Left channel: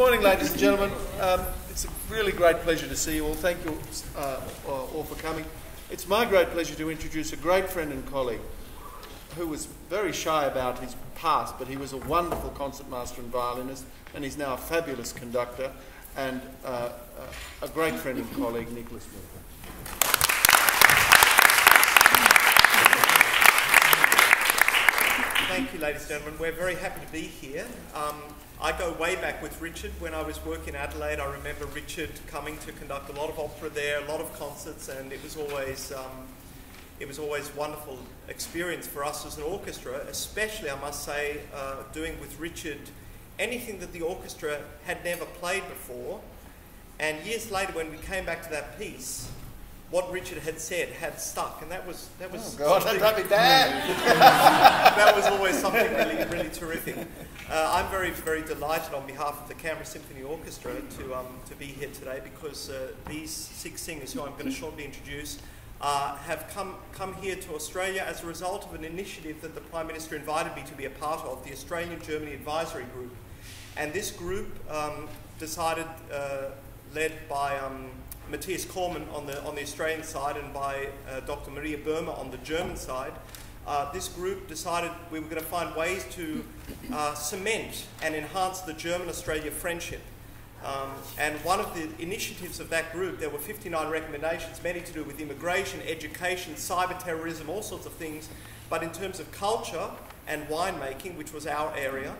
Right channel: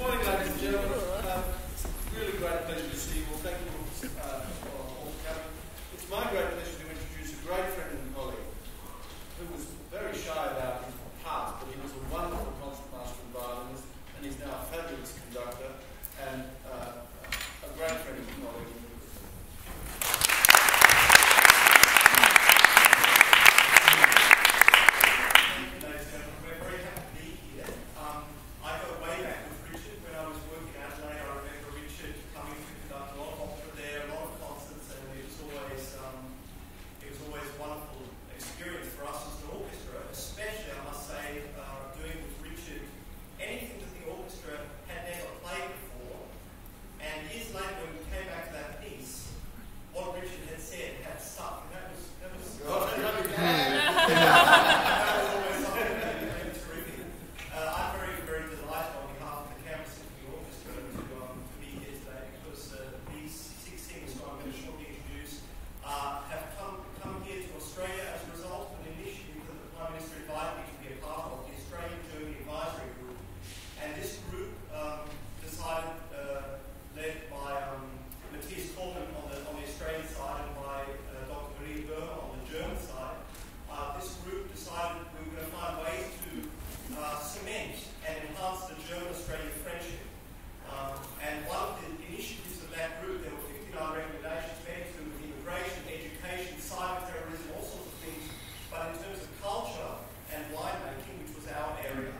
morning, ladies and gentlemen. It's a really great pleasure to see you all. Thank you all for coming. It's my great pleasure to introduce a great friend and colleague who was very shy about his past, but he was a wonderful concertmaster and violinist, and he's now a fabulous conductor and a great friend and colleague, Nicholas Miller. Thank you, ladies and gentlemen. We're very happy to be here. I go way back with Richard. When I was working in Adelaide, I remember Richard coming to conduct a lot of opera there, a lot of concerts, and it was always a wonderful experience for us as an orchestra, especially, I must say, doing with Richard anything that the orchestra had never played before. And years later, when we came back to that piece, what Richard had said had stuck, and that was oh God, that'd be bad. That was always something really terrific. I'm very, very delighted on behalf of the Canberra Symphony Orchestra to be here today, because these 6 singers who I'm going to shortly introduce have come here to Australia as a result of an initiative that the Prime Minister invited me to be a part of, the Australia-Germany Advisory Group. And this group decided, led by Matthias Kormann on the Australian side and by Dr. Maria Böhmer on the German side, this group decided we were going to find ways to cement and enhance the German-Australia friendship. And one of the initiatives of that group, there were 59 recommendations, many to do with immigration, education, cyber terrorism, all sorts of things. But in terms of culture and winemaking, which was our area,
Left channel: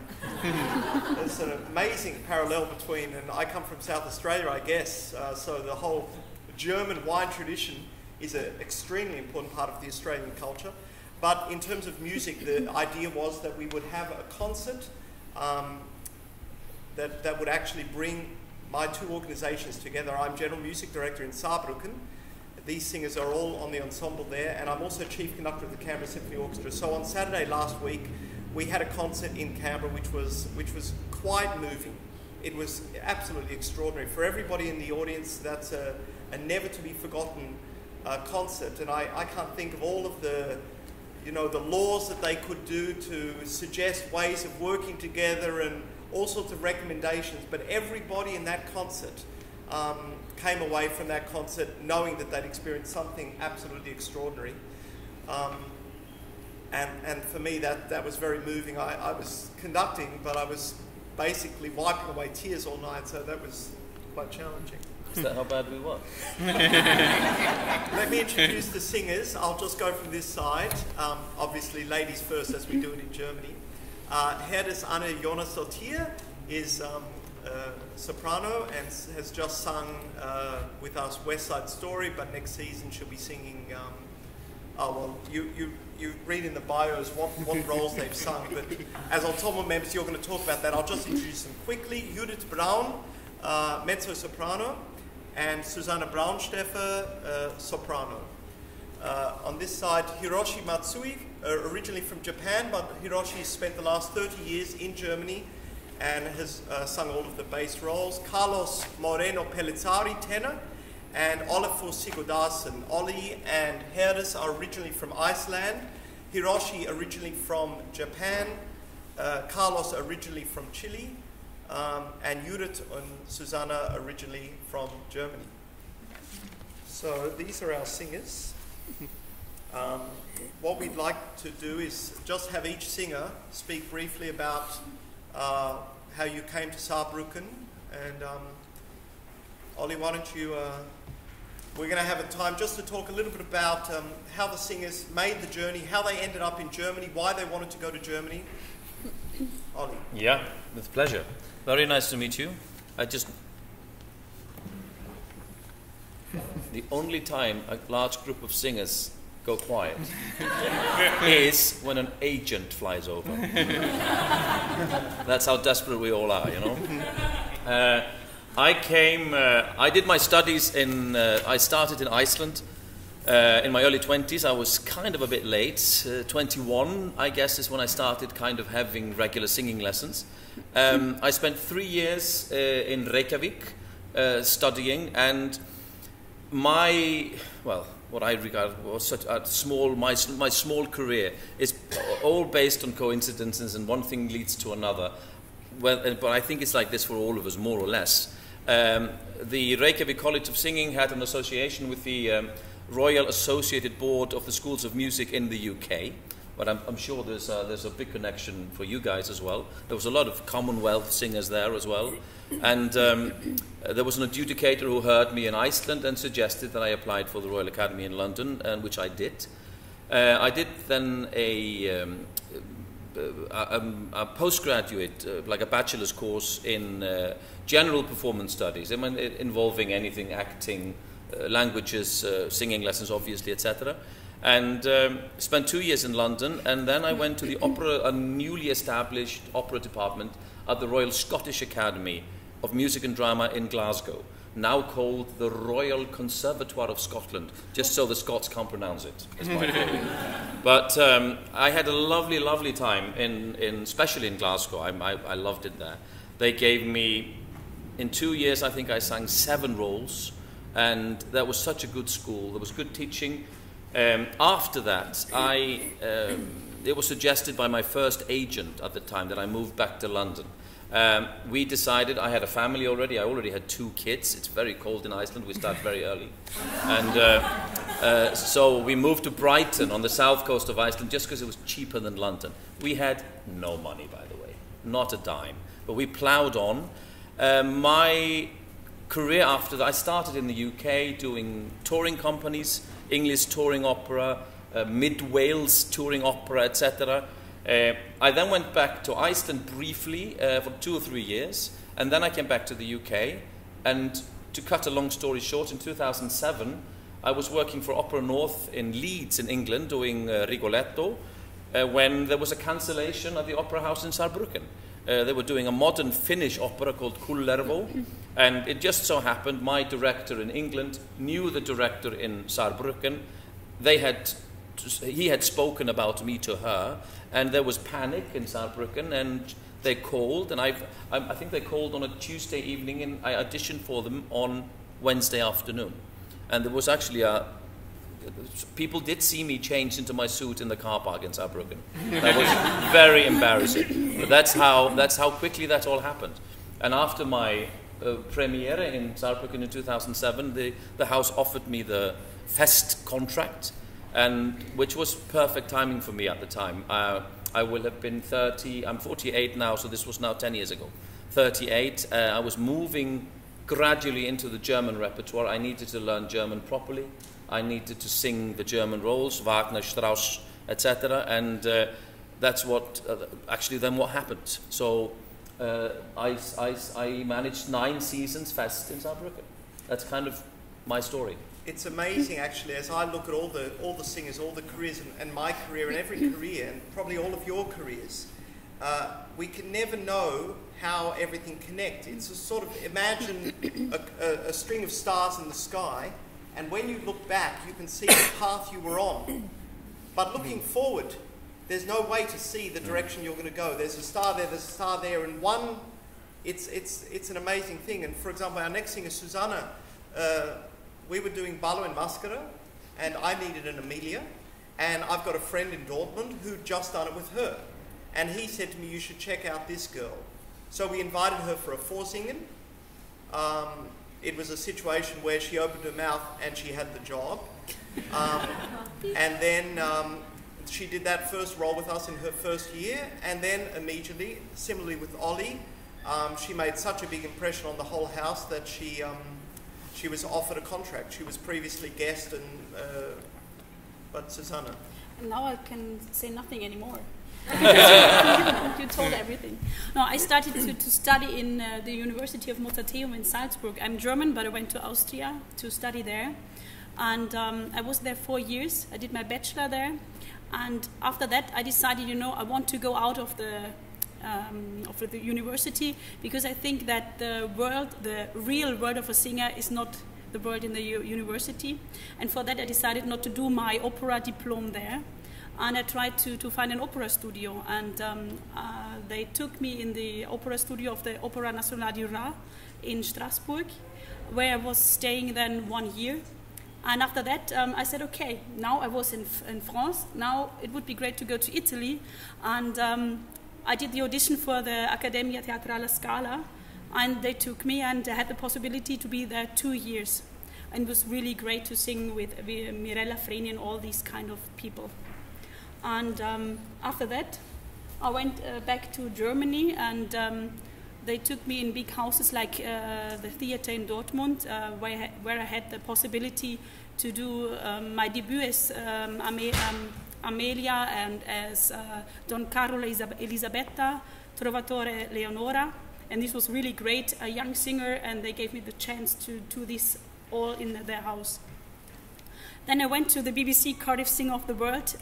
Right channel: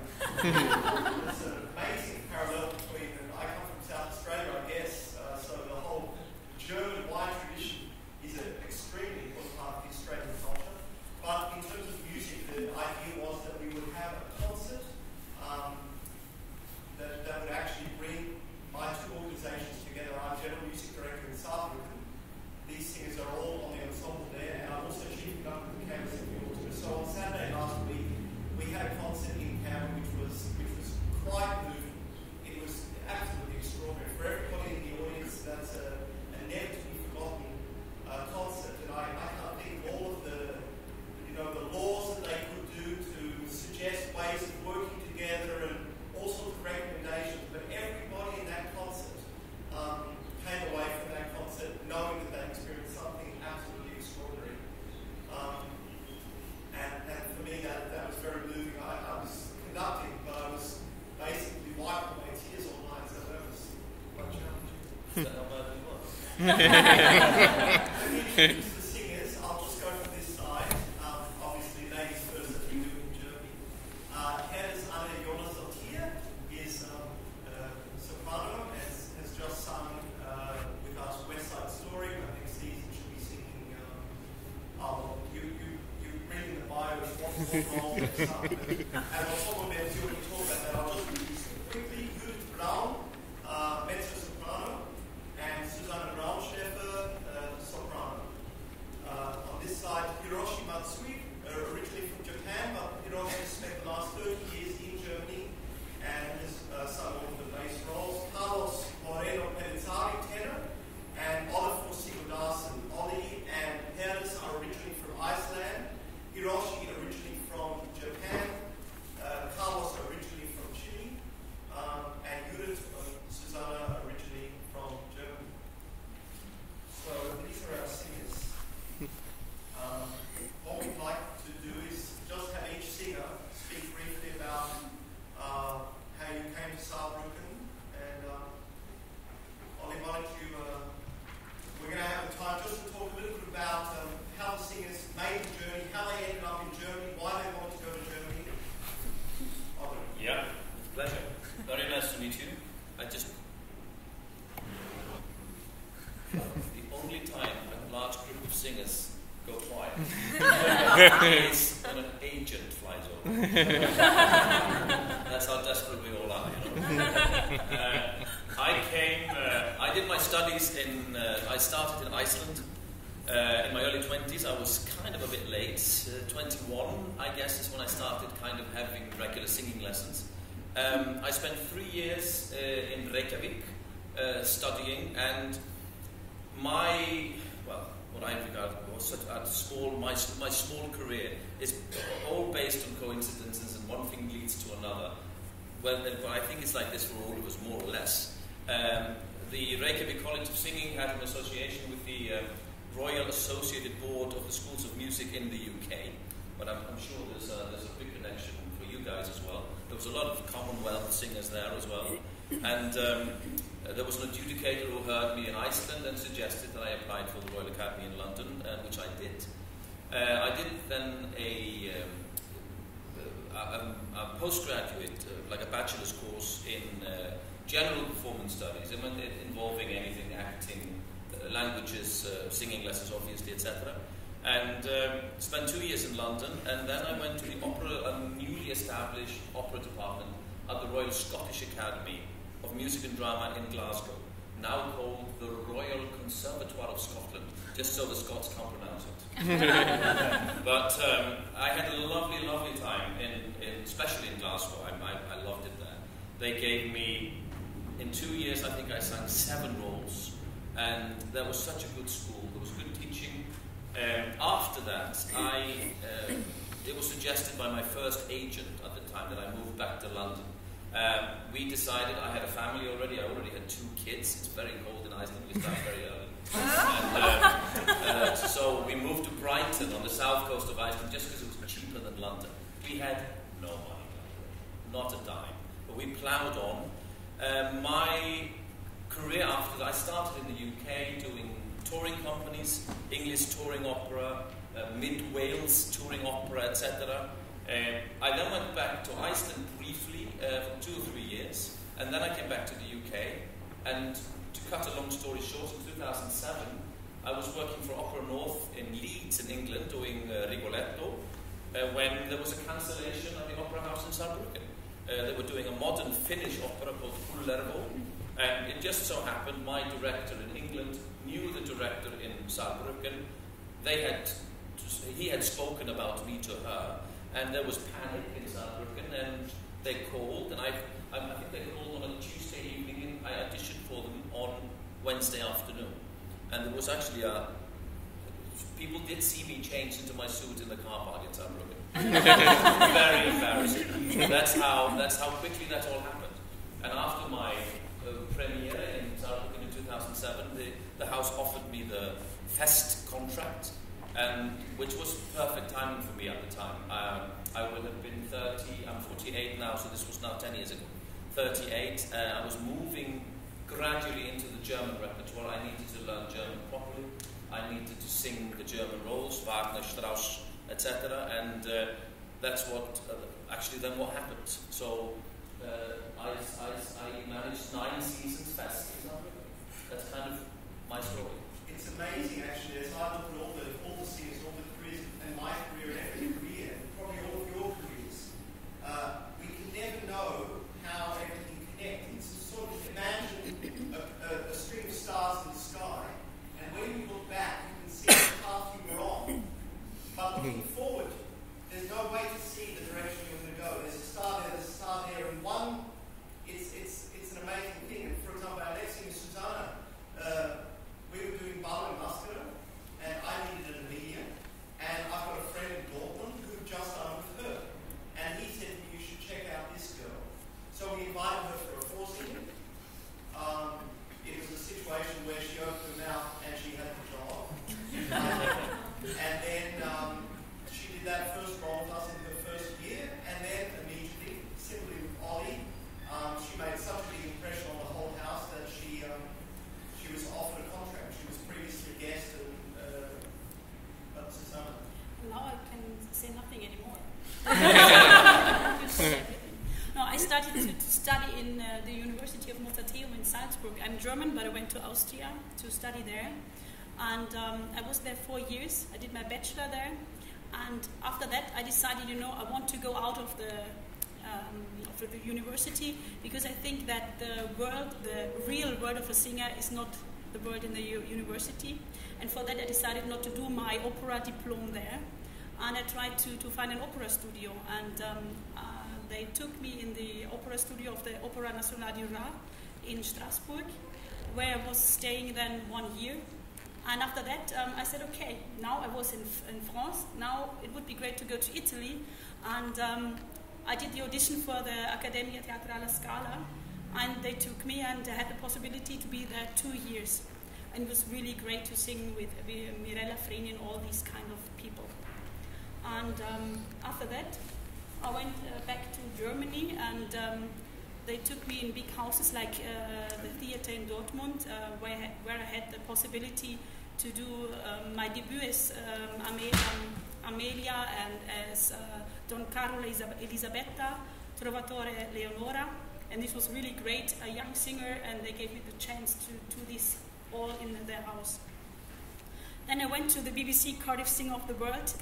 there's an amazing parallel between, and I come from South Australia, I guess, so the whole German wine tradition is an extremely important part of the Australian culture. But in terms of music, the idea was that we would have a concert that would actually bring my 2 organisations together. I'm General Music Director in Saarbrücken. These singers are all on the ensemble there, and I'm also Chief Conductor of the Canberra Symphony Orchestra. So on Saturday last week, we had a concert in Canberra which was quite moving. It was absolutely extraordinary. For everybody in the audience, that's a never to be forgotten concert, and I can't think of all of the laws that they could do to suggest ways of working together and all sorts of recommendations, but everybody in that concert came away from that concert knowing that they'd experienced something absolutely extraordinary. And for me, that was very moving. I was conducting, but I was basically wiping away tears all night, so that was quite challenging. Is that how bad we were? Let me introduce the singers. I'll just go from this side. Obviously, ladies first, as we do it in Germany. Herdes Anne Jonas-Sotier is soprano and has just sung with us West Side Story, but next season she'll be singing. You read in the bios what roles they've sung, but as ensemble members, you're going to talk about that. I'll just introduce them quickly. Judith Braun, mezzo-soprano, and Susanne Braunsteffer, soprano. On this side, Hiroshi Matsui, originally from Japan, but Hiroshi spent the last 30 years in Germany and has sung all of the bass roles. Carlos Moreno Pellizzari, tenor, and Olafur Sigurdarsen. Ollie and Herdes are originally from Iceland, Hiroshi originally from Japan, Carlos originally from Chile, and Judith and Susanna originally from Germany. So these are our singers. What we'd like to do is just have each singer speak briefly about how you came to Saarbrücken. And Ollie, why don't you, we're going to have a time just to talk a little bit about how the singers made the journey, how they ended up in Germany, why they wanted to go to Germany. Ollie. Yeah, with pleasure. Very nice to meet you. The only time a large group of singers go quiet is when an agent flies over. That's how desperate we all are, you know. I did my studies I started in Iceland in my early 20s. I was kind of a bit late. 21, I guess, is when I started kind of having regular singing lessons. I spent 3 years in Reykjavik studying, and what I regard was such a my small career is all based on coincidences, and one thing leads to another. but I think it's like this for all of us, more or less. The Reykjavik College of Singing had an association with the Royal Associated Board of the Schools of Music in the UK, but I'm sure there's a big connection for you guys as well. There was a lot of Commonwealth singers there as well, and there was an adjudicator who heard me in Iceland and suggested that I applied for the Royal Academy in London, and which I did. I did then a postgraduate, like a bachelor's course in general performance studies, involving anything, acting, languages, singing lessons, obviously, etc. And spent 2 years in London, and then I went to the opera, a newly established opera department at the Royal Scottish Academy of Music and Drama in Glasgow, now called the Royal Conservatoire of Scotland, just so the Scots can't pronounce it. But I had a lovely, lovely time, especially in Glasgow. I loved it there. They gave me, in 2 years, I think I sang 7 roles, and that was such a good school. There was good teaching. After that, it was suggested by my first agent at the time that I moved back to London. We decided, I had a family already, I already had 2 kids. It's very cold in Iceland, we start very early. And so we moved to Brighton on the south coast of Iceland just because it was cheaper than London. We had no money, by the way, not a dime, but we ploughed on. My career after that, I started in the UK doing touring companies, English touring opera, Mid-Wales touring opera, etc. I then went back to Iceland briefly for 2 or 3 years, and then I came back to the UK. And to cut a long story short, in 2007, I was working for Opera North in Leeds in England, doing Rigoletto, when there was a cancellation at the Opera House in Saarbrucken. They were doing a modern Finnish opera called Kullervo, and it just so happened my director in England knew the director in Saarbrucken. He had spoken about me to her, and there was panic in Saarbrücken, and they called, and I think they called on a Tuesday evening, and I auditioned for them on Wednesday afternoon. And there was actually people did see me change into my suit in the car park in Saarbrücken. That was very embarrassing. That's how quickly that all happened. And after my premiere in Saarbrücken in 2007, the house offered me the Fest contract, and which was perfect timing for me at the time. I will have been 30, I'm 48 now, so this was now 10 years ago. 38, I was moving gradually into the German repertoire. I needed to learn German properly. I needed to sing the German roles, Wagner, Strauss, etc. And that's what, actually then what happened. So I managed 9 seasons Fest in Saarbrücken. That's kind of my story. It's amazing, actually, as I look at all the singers, all the careers, and my career, and every career, and probably all of your careers, we can never know how everything connects. It's a sort of, imagine a string of stars in the sky, and when you look back, you can see the path you were on. But looking forward, there's no way to see the direction you're going to go. There's a star there, there's a star there, and one, it's an amazing thing. And for example, our next singer, Susanna, we were doing Ballo and Mascara, and I needed an Amelia, and I've got a friend in Dortmund who just done it with her. And he said to me, you should check out this girl. So we invited her for a vorsingen. It was a situation where she opened her mouth and she had the job. And then she did that first role with us in her first year, and then immediately, similarly with Ollie, she made such a big impression on the whole house that she was offered a contract. She was previously guest, but Susanna. And now I can say nothing anymore. You told everything. No, I started to study in the University of Mozarteum in Salzburg. I'm German, but I went to Austria to study there. And I was there 4 years. I did my bachelor there. And after that, I decided, I want to go out of the university, because I think that the real world of a singer is not the world in the university. And for that I decided not to do my opera diploma there, and I tried to find an opera studio, and they took me in the opera studio of the Opera Nationale du Rhin in Strasbourg, where I was staying then 1 year. And after that, I said, okay, now I was in France, now it would be great to go to Italy. And I did the audition for the Accademia Teatrale Scala, and they took me, and I had the possibility to be there 2 years. And it was really great to sing with Mirella Freni and all these kind of people. And after that, I went back to Germany, and they took me in big houses like the theater in Dortmund, where I had the possibility to do my debut as Amelia and as Don Carlo Elisabetta, Trovatore Leonora. And this was really great, a young singer, and they gave me the chance to do this all in their house. Then I went to the BBC Cardiff Singer of the World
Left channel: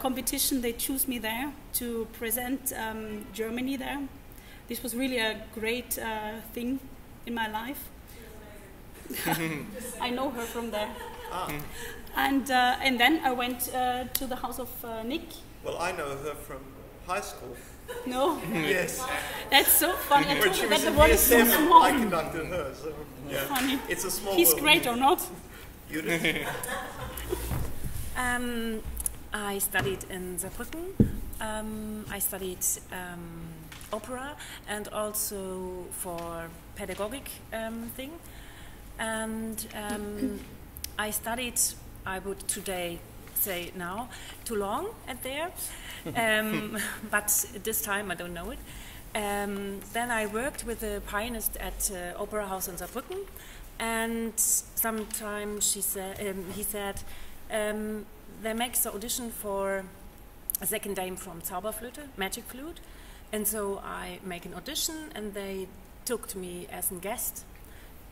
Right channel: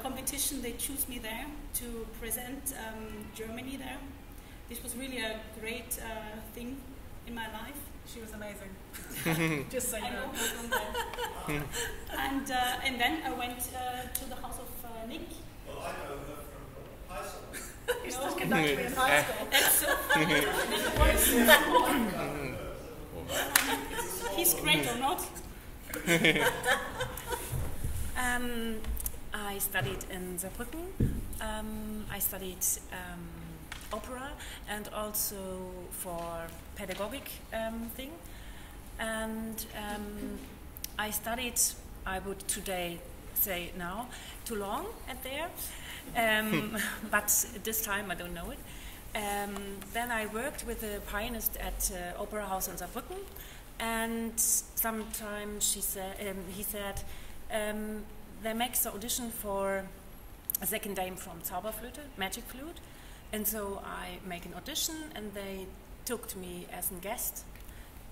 competition. They chose me there to present Germany there. This was really a great thing in my life. She was amazing. I know her from there. And then I went to the house of Nick. Well, I know her from high school. No, Yes. that's so funny. That's the one so I small. conducted her. So, Funny. it's a small He's world. great or not? I studied in Saarbrücken. I studied opera and also for pedagogic thing. And I studied, I would today say now, too long at there. But this time I don't know it. Then I worked with a pianist at Opera House in Saarbrücken, and sometimes he said they make the audition for a second dame from Zauberflöte, magic flute, and so I make an audition, and they took me as a guest,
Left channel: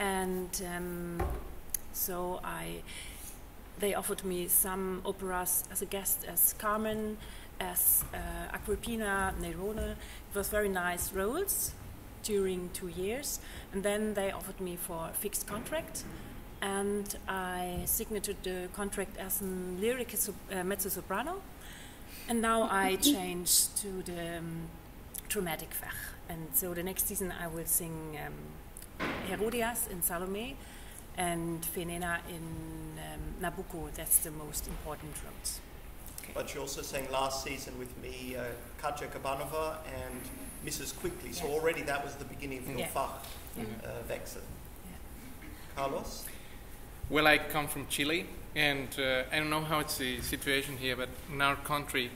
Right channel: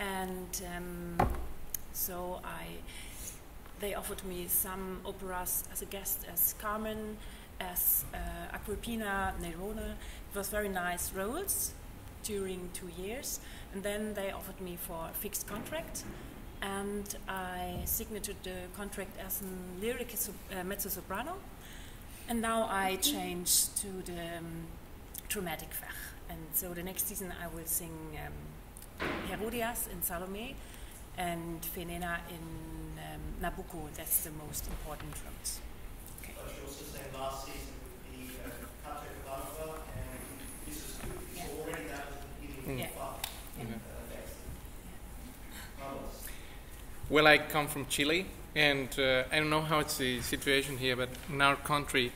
and so they offered me some operas as a guest, as Carmen, as Agrippina, Nerone. It was very nice roles during 2 years, and then they offered me for a fixed contract, and I signed the contract as a lyric mezzo-soprano, and now I changed to the dramatic Fach, and so the next season I will sing Herodias in Salome and Fenena in Nabucco. That's the most important roles. But you also sang last season with me, Katja Kabanova and Mrs. Quickly, so already that was the beginning for the Fach, Wechsel. Carlos? Well, I come from Chile, and I don't know how it's the situation here, but in our country,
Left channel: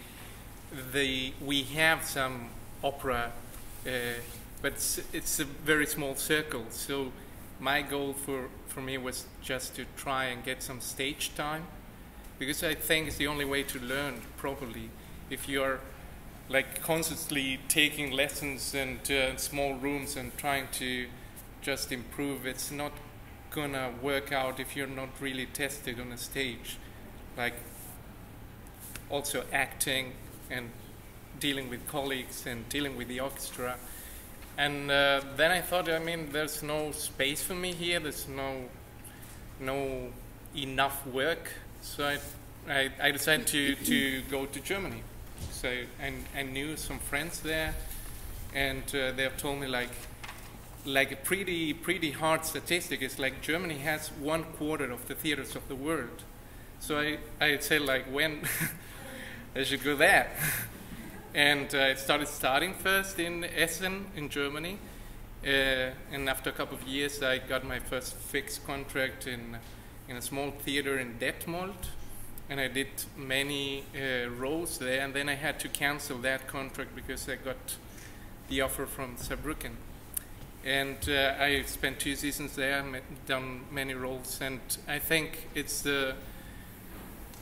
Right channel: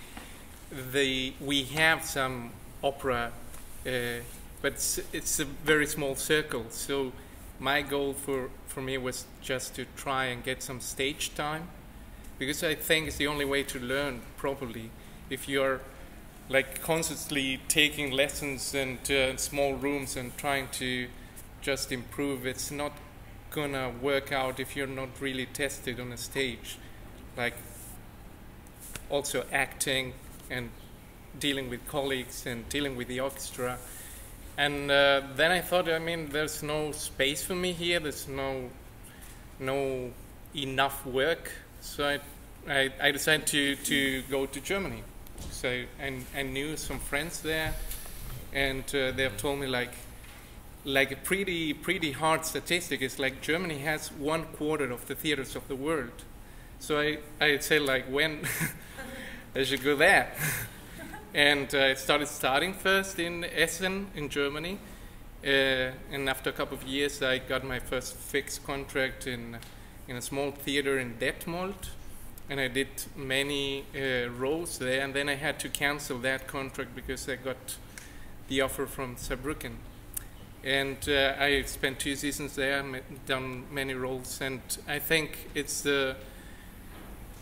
we have some opera, but it's a very small circle. So my goal for me was just to try and get some stage time, because I think it's the only way to learn properly. If you're like constantly taking lessons and small rooms and trying to just improve, it's not gonna work out if you're not really tested on a stage. Like also acting and dealing with colleagues and dealing with the orchestra. And then I thought, I mean, there's no space for me here. There's no enough work. So I decided to go to Germany. So I knew some friends there, and they have told me like a pretty hard statistic is like Germany has 1/4 of the theaters of the world. So I said like, when I should go there. And I started studying first in Essen in Germany, and after a couple of years I got my first fixed contract in a small theater in Detmold, and I did many roles there, and then I had to cancel that contract because I got the offer from Saarbrücken. And I spent 2 seasons there, done many roles, and I think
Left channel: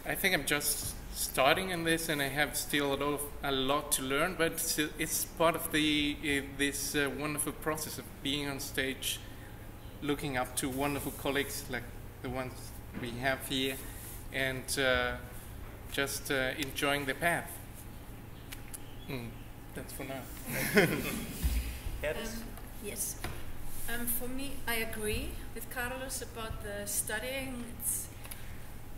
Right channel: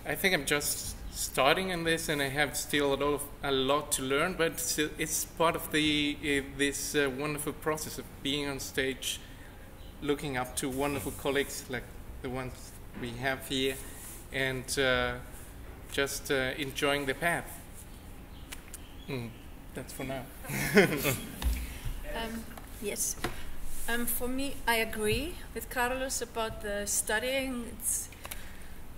I'm just starting in this, and I have still a lot to learn, but it's part of this wonderful process of being on stage, looking up to wonderful colleagues like the ones we have here, and just enjoying the path. That's for now. Yes. For me, I agree with Carlos about the studying.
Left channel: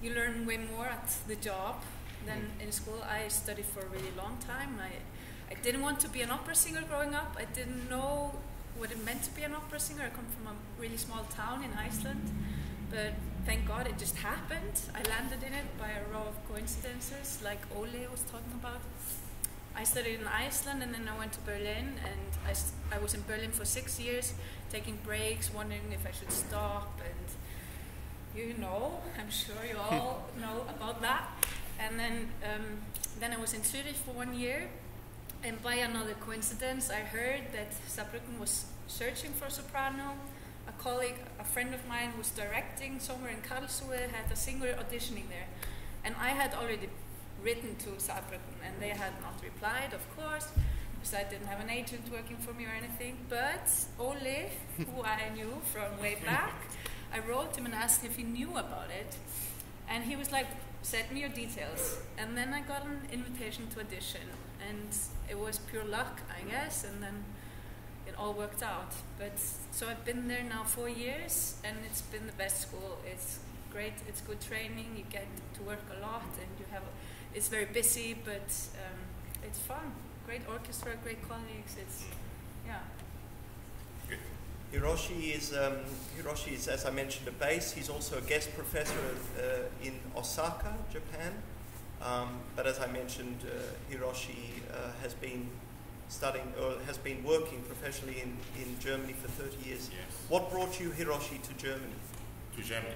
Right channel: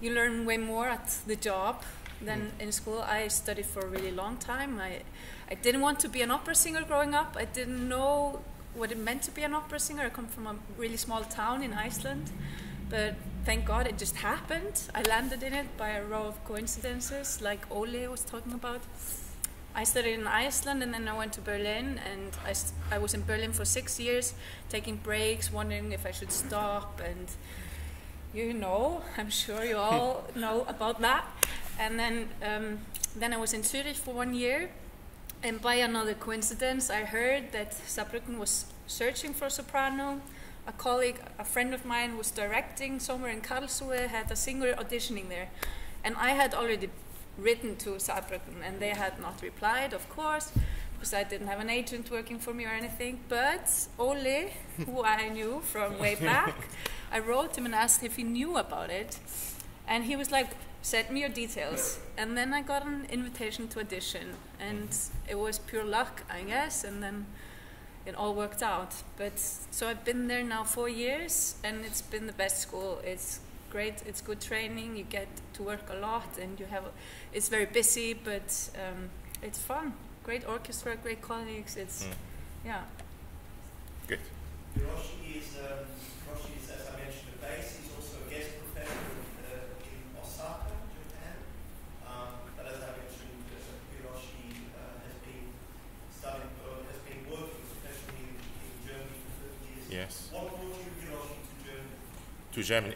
You learn way more at the job than in school. I studied for a really long time. I didn't want to be an opera singer growing up. I didn't know what it meant to be an opera singer. I come from a really small town in Iceland, but thank God it just happened. I landed in it by a row of coincidences, like Ole was talking about. I studied in Iceland, and then I went to Berlin, and I was in Berlin for 6 years, taking breaks, wondering if I should stop, and you know, I'm sure you all know about that. And then I was in Zurich for 1 year, and by another coincidence, I heard that Saarbrücken was searching for a soprano. A friend of mine was directing somewhere in Karlsruhe, had a singer auditioning there, and I had already written to Saarbrücken, and they had not replied, of course, because I didn't have an agent working for me or anything. But Ole, who I knew from way back, I wrote him and asked if he knew about it, and he was like, send me your details. And then I got an invitation to audition, and it was pure luck, I guess, and then it all worked out. But so I've been there now 4 years, and it's been the best school. It's great, it's good training, you get to work a lot, and it's very busy, but it's fun. Great orchestra, great colleagues, yeah. Good. Hiroshi is, as I mentioned, a bass. He's also a guest professor in Osaka, Japan. But as I mentioned, Hiroshi has been studying, or has been working professionally in Germany for 30 years. Yes. What brought you, Hiroshi, to Germany? To Germany,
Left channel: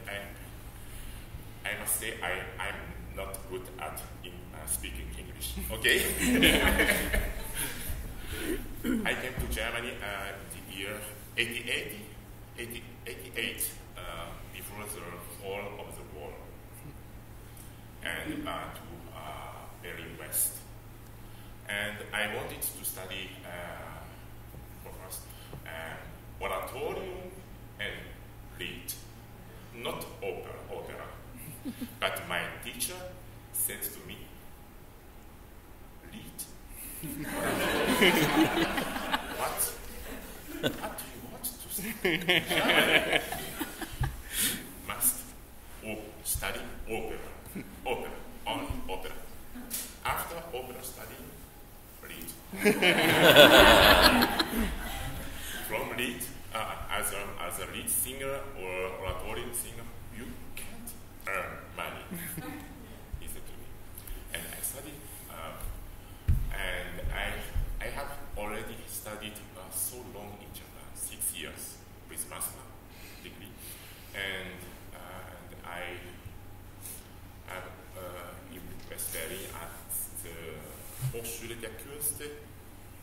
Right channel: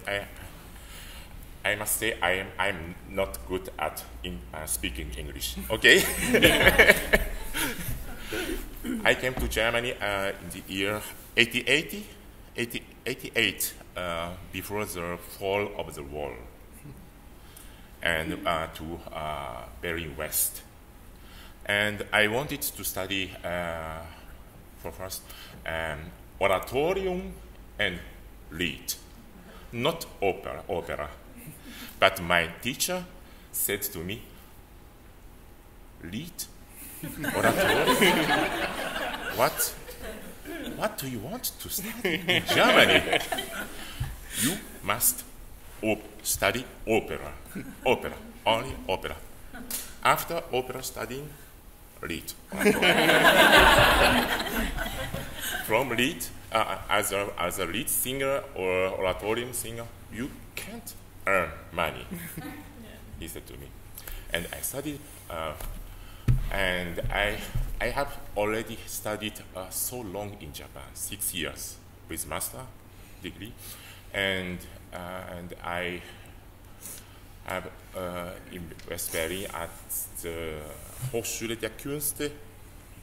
I must say I'm not good at speaking English. Okay. I came to Germany in the year 88, before the fall of the wall, and to Berlin West. And I wanted to study for first oratorium and lied, not opera. But my teacher said to me, lied? Oratorium? What do you want to study in Germany? You must study opera, only opera. After opera studying, lied. From lied, as a lead singer or oratorium singer, you can't earn money, he said to me. And I studied, and I have already studied so long in Japan, 6 years with master degree, and I have in West Berlin at the Hochschule der Künste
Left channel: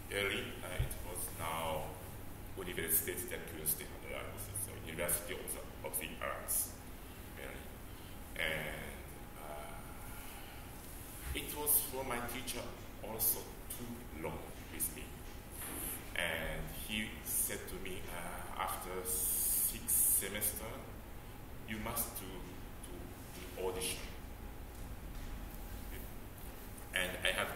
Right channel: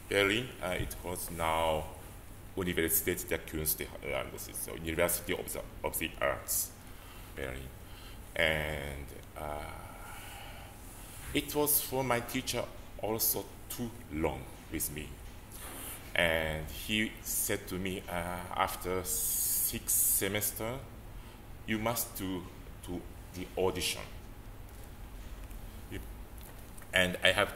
Berlin. It was now Universität der Künste, so University of the Arts Berlin, and it was for my teacher also too long with me, and he said to me after 6 semesters, you must do the audition. And I have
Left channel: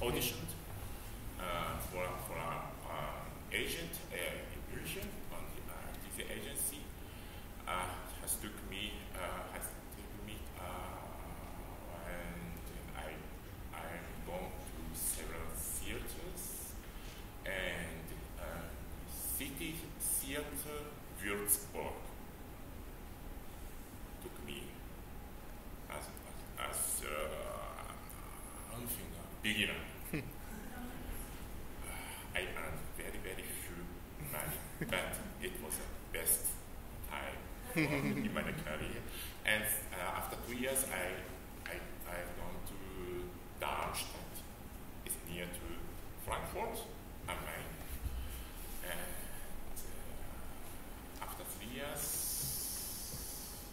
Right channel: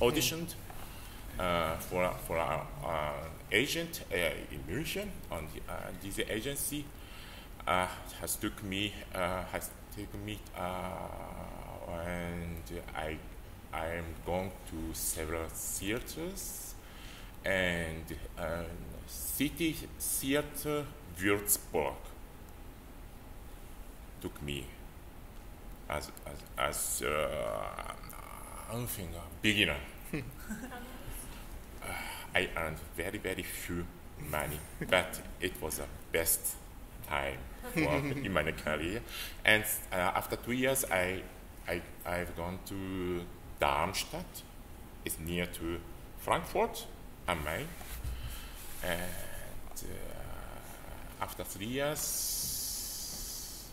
auditioned for our agent in München, and this agency has taken me, and I am going to several theaters, and City Theater Würzburg took me as beginner. I earned very, very few money, but it was the best time in my career. And after 2 years, I've gone to Darmstadt. It's near to Frankfurt am Main. And after 3 years,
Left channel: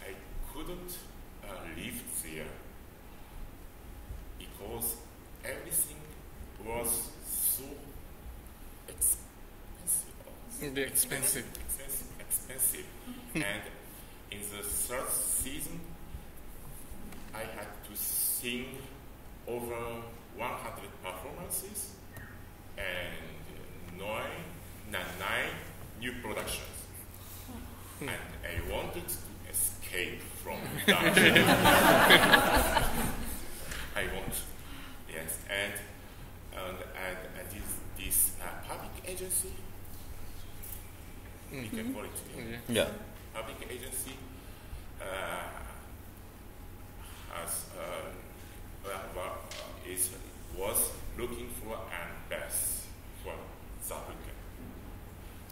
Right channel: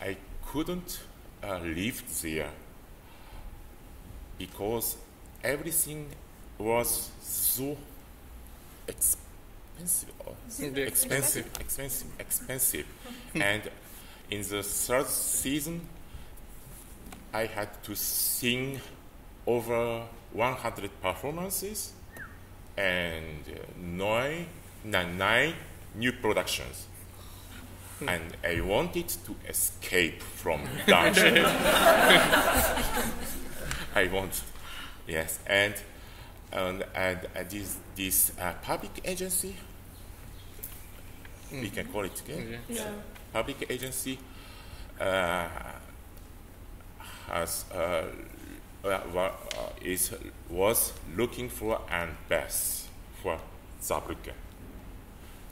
I couldn't live there because everything was so expensive. And in the third season, I had to sing over 100 performances and 9 new productions. And I wanted to escape from dungeon. I want, yes, and this public agency, we can call it again. Yeah. Public agency was looking for an bass for Saarbrücken.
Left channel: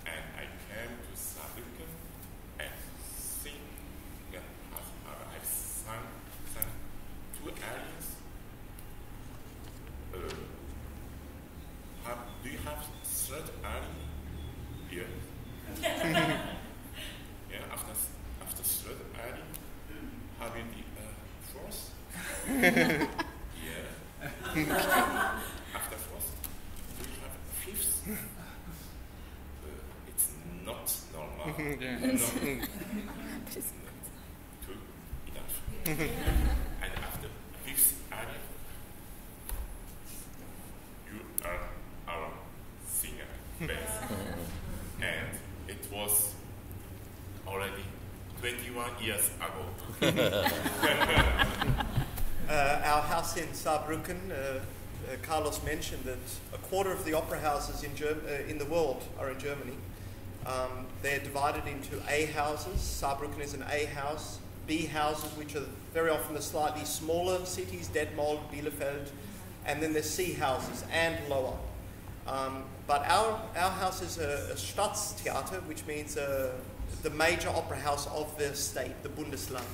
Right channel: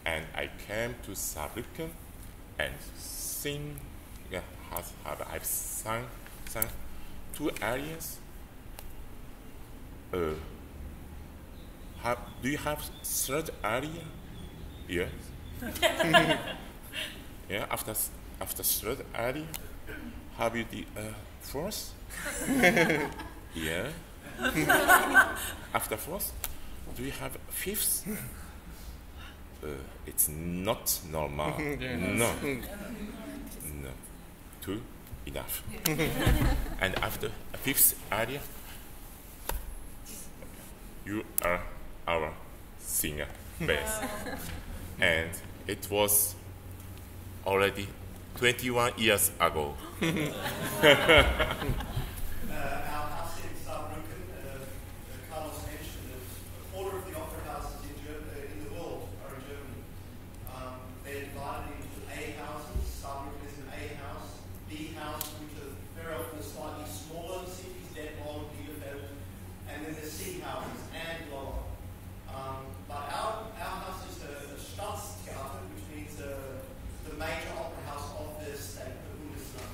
And I came to Saarbrücken and I've sung 2 arias. Do you have 3rd aria? Yes. Yeah, after 3rd aria, have you the 4th? Yeah. After 4th, do you have 5th? It's not normal. Yes. No. 2, enough. And after 5th aria, you are our singer, bass. And it was already 21 years ago. Our house in Saarbrücken, Carlos mentioned that a quarter of the opera houses in the world are in Germany. They're divided into A houses. Saarbrücken is an A house. B houses, which are very often the slightly smaller cities, Detmold, Bielefeld, and then there's C houses and lower. But our house is a Staatstheater, which means the major opera house of the state, the Bundesland.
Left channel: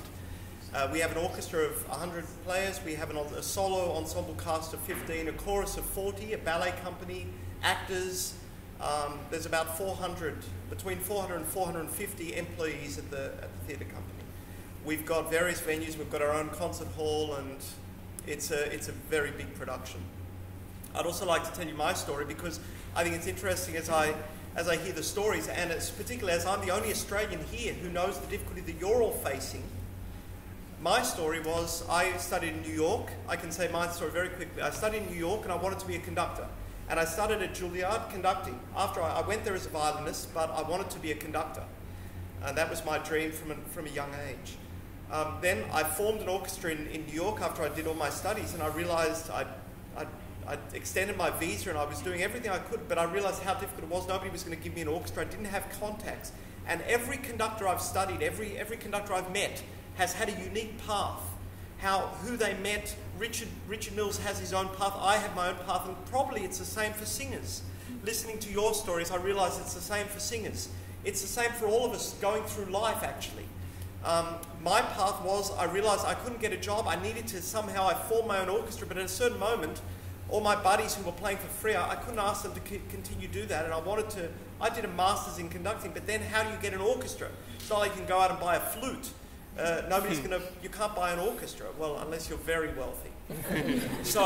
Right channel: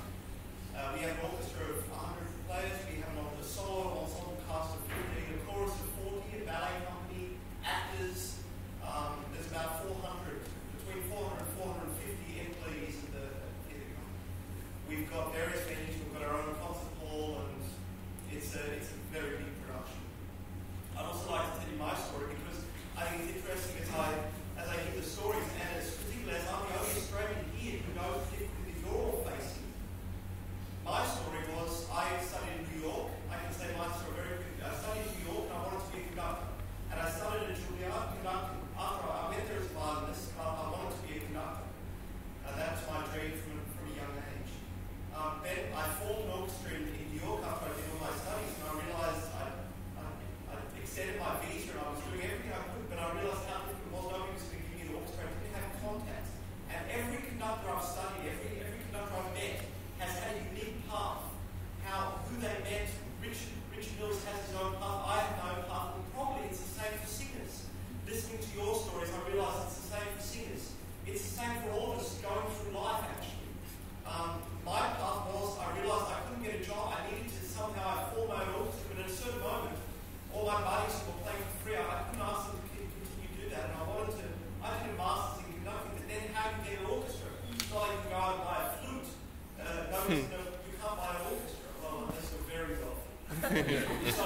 We have an orchestra of 100 players. We have a solo ensemble cast of 15, a chorus of 40, a ballet company, actors. There's about between 400 and 450 employees at the theatre company. We've got various venues. We've got our own concert hall, and it's a very big production. I'd also like to tell you my story because I think it's interesting as I hear the stories, and it's particularly as I'm the only Australian here who knows the difficulty that you're all facing. My story was I studied in New York. I can say my story very quickly. I studied in New York and I wanted to be a conductor. And I started at Juilliard conducting. After I went there as a violinist, but I wanted to be a conductor. That was my dream from a young age. Then I formed an orchestra in New York after I did all my studies, and I realized I extended my visa and I was doing everything I could, but I realized how difficult it was. Nobody was going to give me an orchestra. I didn't have contacts. And every conductor I've studied, every conductor I've met has had a unique path. Who they met, Richard Mills has his own path, I have my own path, and probably it's the same for singers. Listening to your stories, I realize it's the same for singers. It's the same for all of us going through life, actually. My path was, I realized I couldn't get a job. I needed to I formed my own orchestra, but at a certain moment, all my buddies who were playing for free, I couldn't ask them to continue to do that, and I did a master's in conducting, but then how do you get an orchestra? It's not like you can go out and buy a flute. You can't buy an orchestra, well, unless you're very wealthy. So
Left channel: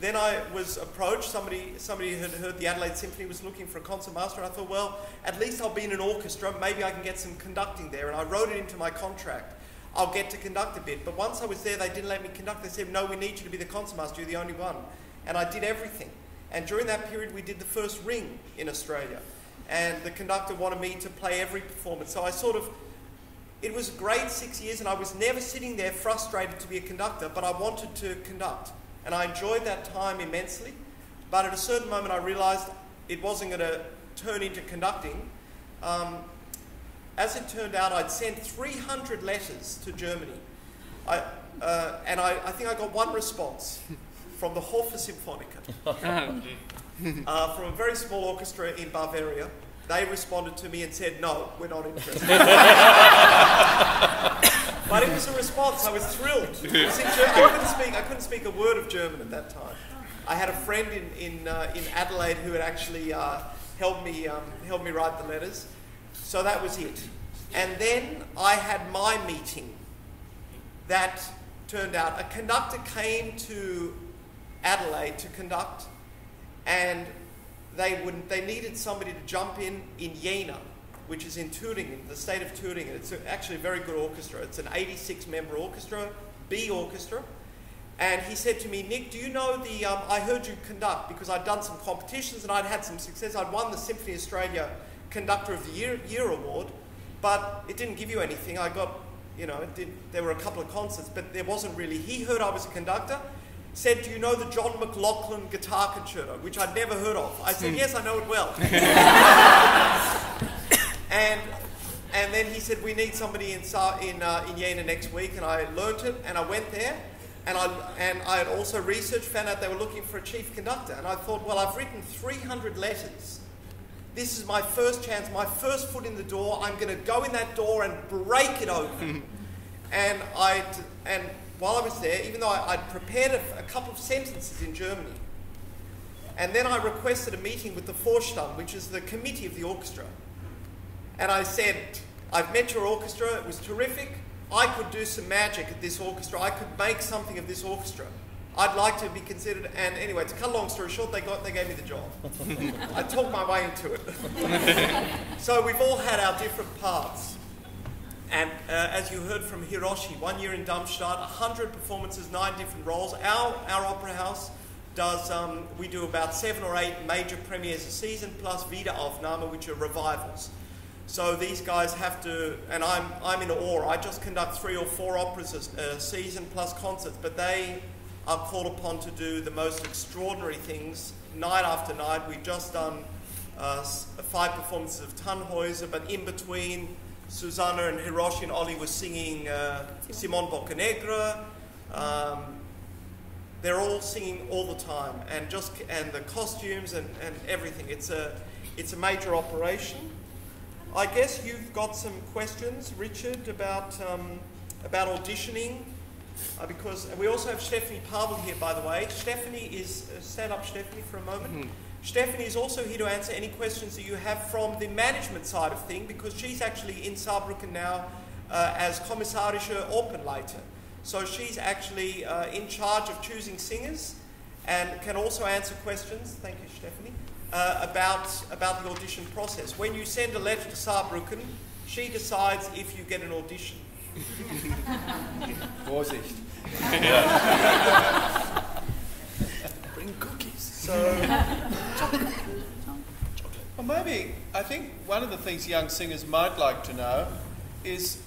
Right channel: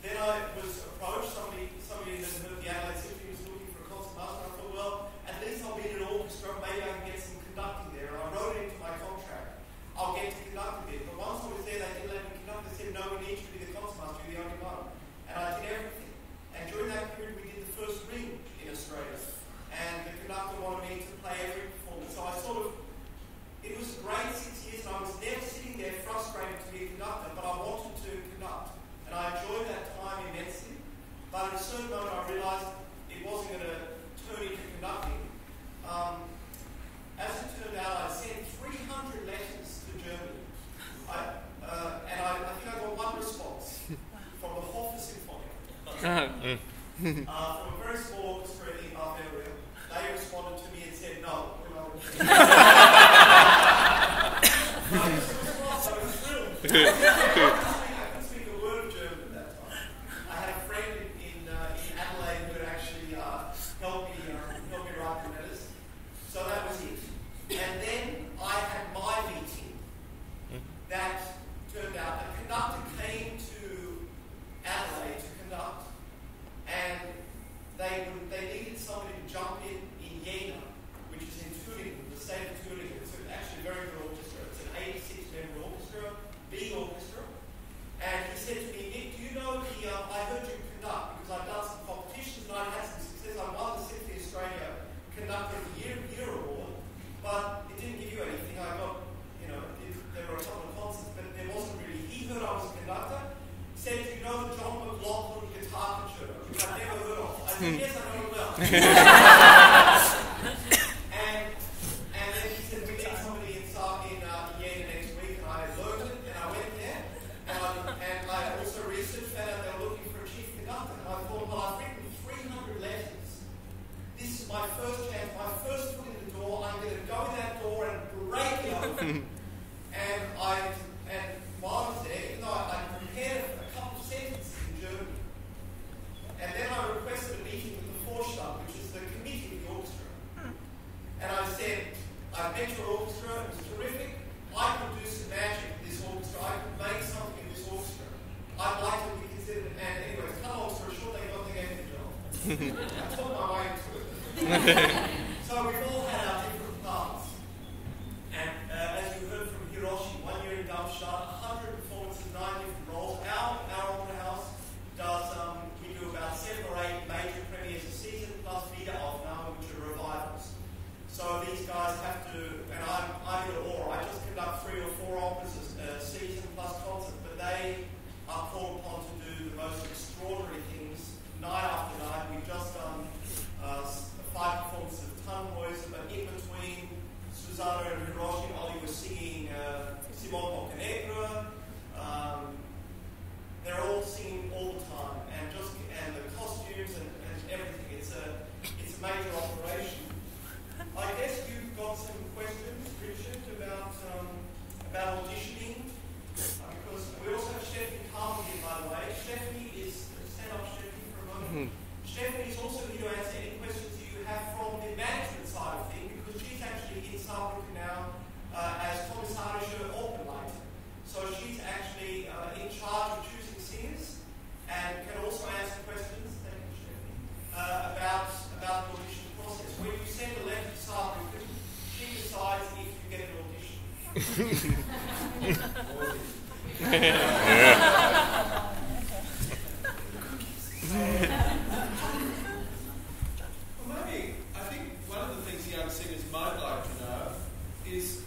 then I was approached, somebody had heard the Adelaide Symphony was looking for a concert master, and I thought, well, at least I'll be in an orchestra, maybe I can get some conducting there, and I wrote it into my contract. I'll get to conduct a bit, but once I was there, they didn't let me conduct. They said, no, we need you to be the concertmaster, you're the only one. And I did everything. And during that period, we did the first ring in Australia, and the conductor wanted me to play every performance. So it was a great 6 years, and I was never sitting there frustrated to be a conductor, but I wanted to conduct. And I enjoyed that time immensely. But at a certain moment, I realized it wasn't going to turn into conducting. As it turned out, I'd sent 300 letters to Germany. And I think I got one response from the Hofe Symphonica, from a very small orchestra in Bavaria. They responded to me and said, no, we're not interested. But it was a response. I was thrilled. I couldn't speak a word of German at that time. I had a friend in Adelaide who had actually helped me write the letters. So that was it. And then I had my meeting. That turned out, a conductor came to Adelaide to conduct, and they needed somebody to jump in Jena, which is in Thüringen, the state of Thüringen. It's actually a very good orchestra. It's an 86-member orchestra, B orchestra. And he said to me, Nick, do you know I heard you conduct, because I'd done some competitions and I'd had some success. I'd won the Symphony Australia Conductor of the Year award, but it didn't give you anything. I got, there were a couple of concerts, but there wasn't really. He heard I was a conductor, said, do you know the John McLaughlin Guitar Concerto, which I'd never heard of? I said, yes, I know it well. And then he said, we need somebody in Jena next week, and I learnt it, and I went there, and I also researched, found out they were looking for a chief conductor, and I thought, well, I've written 300 letters. This is my first chance, my first foot in the door. I'm going to go in that door and break it open. and while I was there, even though I'd prepared a couple of sentences in Germany, and then I requested a meeting with the Vorstand, which is the committee of the orchestra. And I said, I've met your orchestra, it was terrific. I could do some magic at this orchestra. I could make something of this orchestra. I'd like to be considered, and anyway, to cut a long story short, they gave me the job. I talked my way into it. So we've all had our different parts. And as you heard from Hiroshi, 1 year in Darmstadt, 100 performances, 9 different roles. Our opera house does, we do about 7 or 8 major premieres a season, plus Wiederaufnahme, which are revivals. So these guys have to, and I'm in awe, I just conduct 3 or 4 operas a season, plus concerts, but they are called upon to do the most extraordinary things night after night. We've just done 5 performances of Tannhäuser, but in between, Susanna and Hiroshi and Ollie were singing Simon Boccanegra. They're all singing all the time, and the costumes and everything. It's a major operation. I guess you've got some questions, Richard, about auditioning, because we also have Stephanie Pavel here, by the way. Stephanie is, stand up, Stephanie, for a moment. Stephanie is also here to answer any questions that you have from the management side of things, because she's actually in Saarbrücken now as Kommissarische Opernleiter. So she's actually in charge of choosing singers and can also answer questions, thank you, Stephanie, about the audition process. When you send a letter to Saarbrücken, she decides if you get an audition. Vorsicht. Bring cookies. So, well, maybe, I think one of the things young singers might like to know is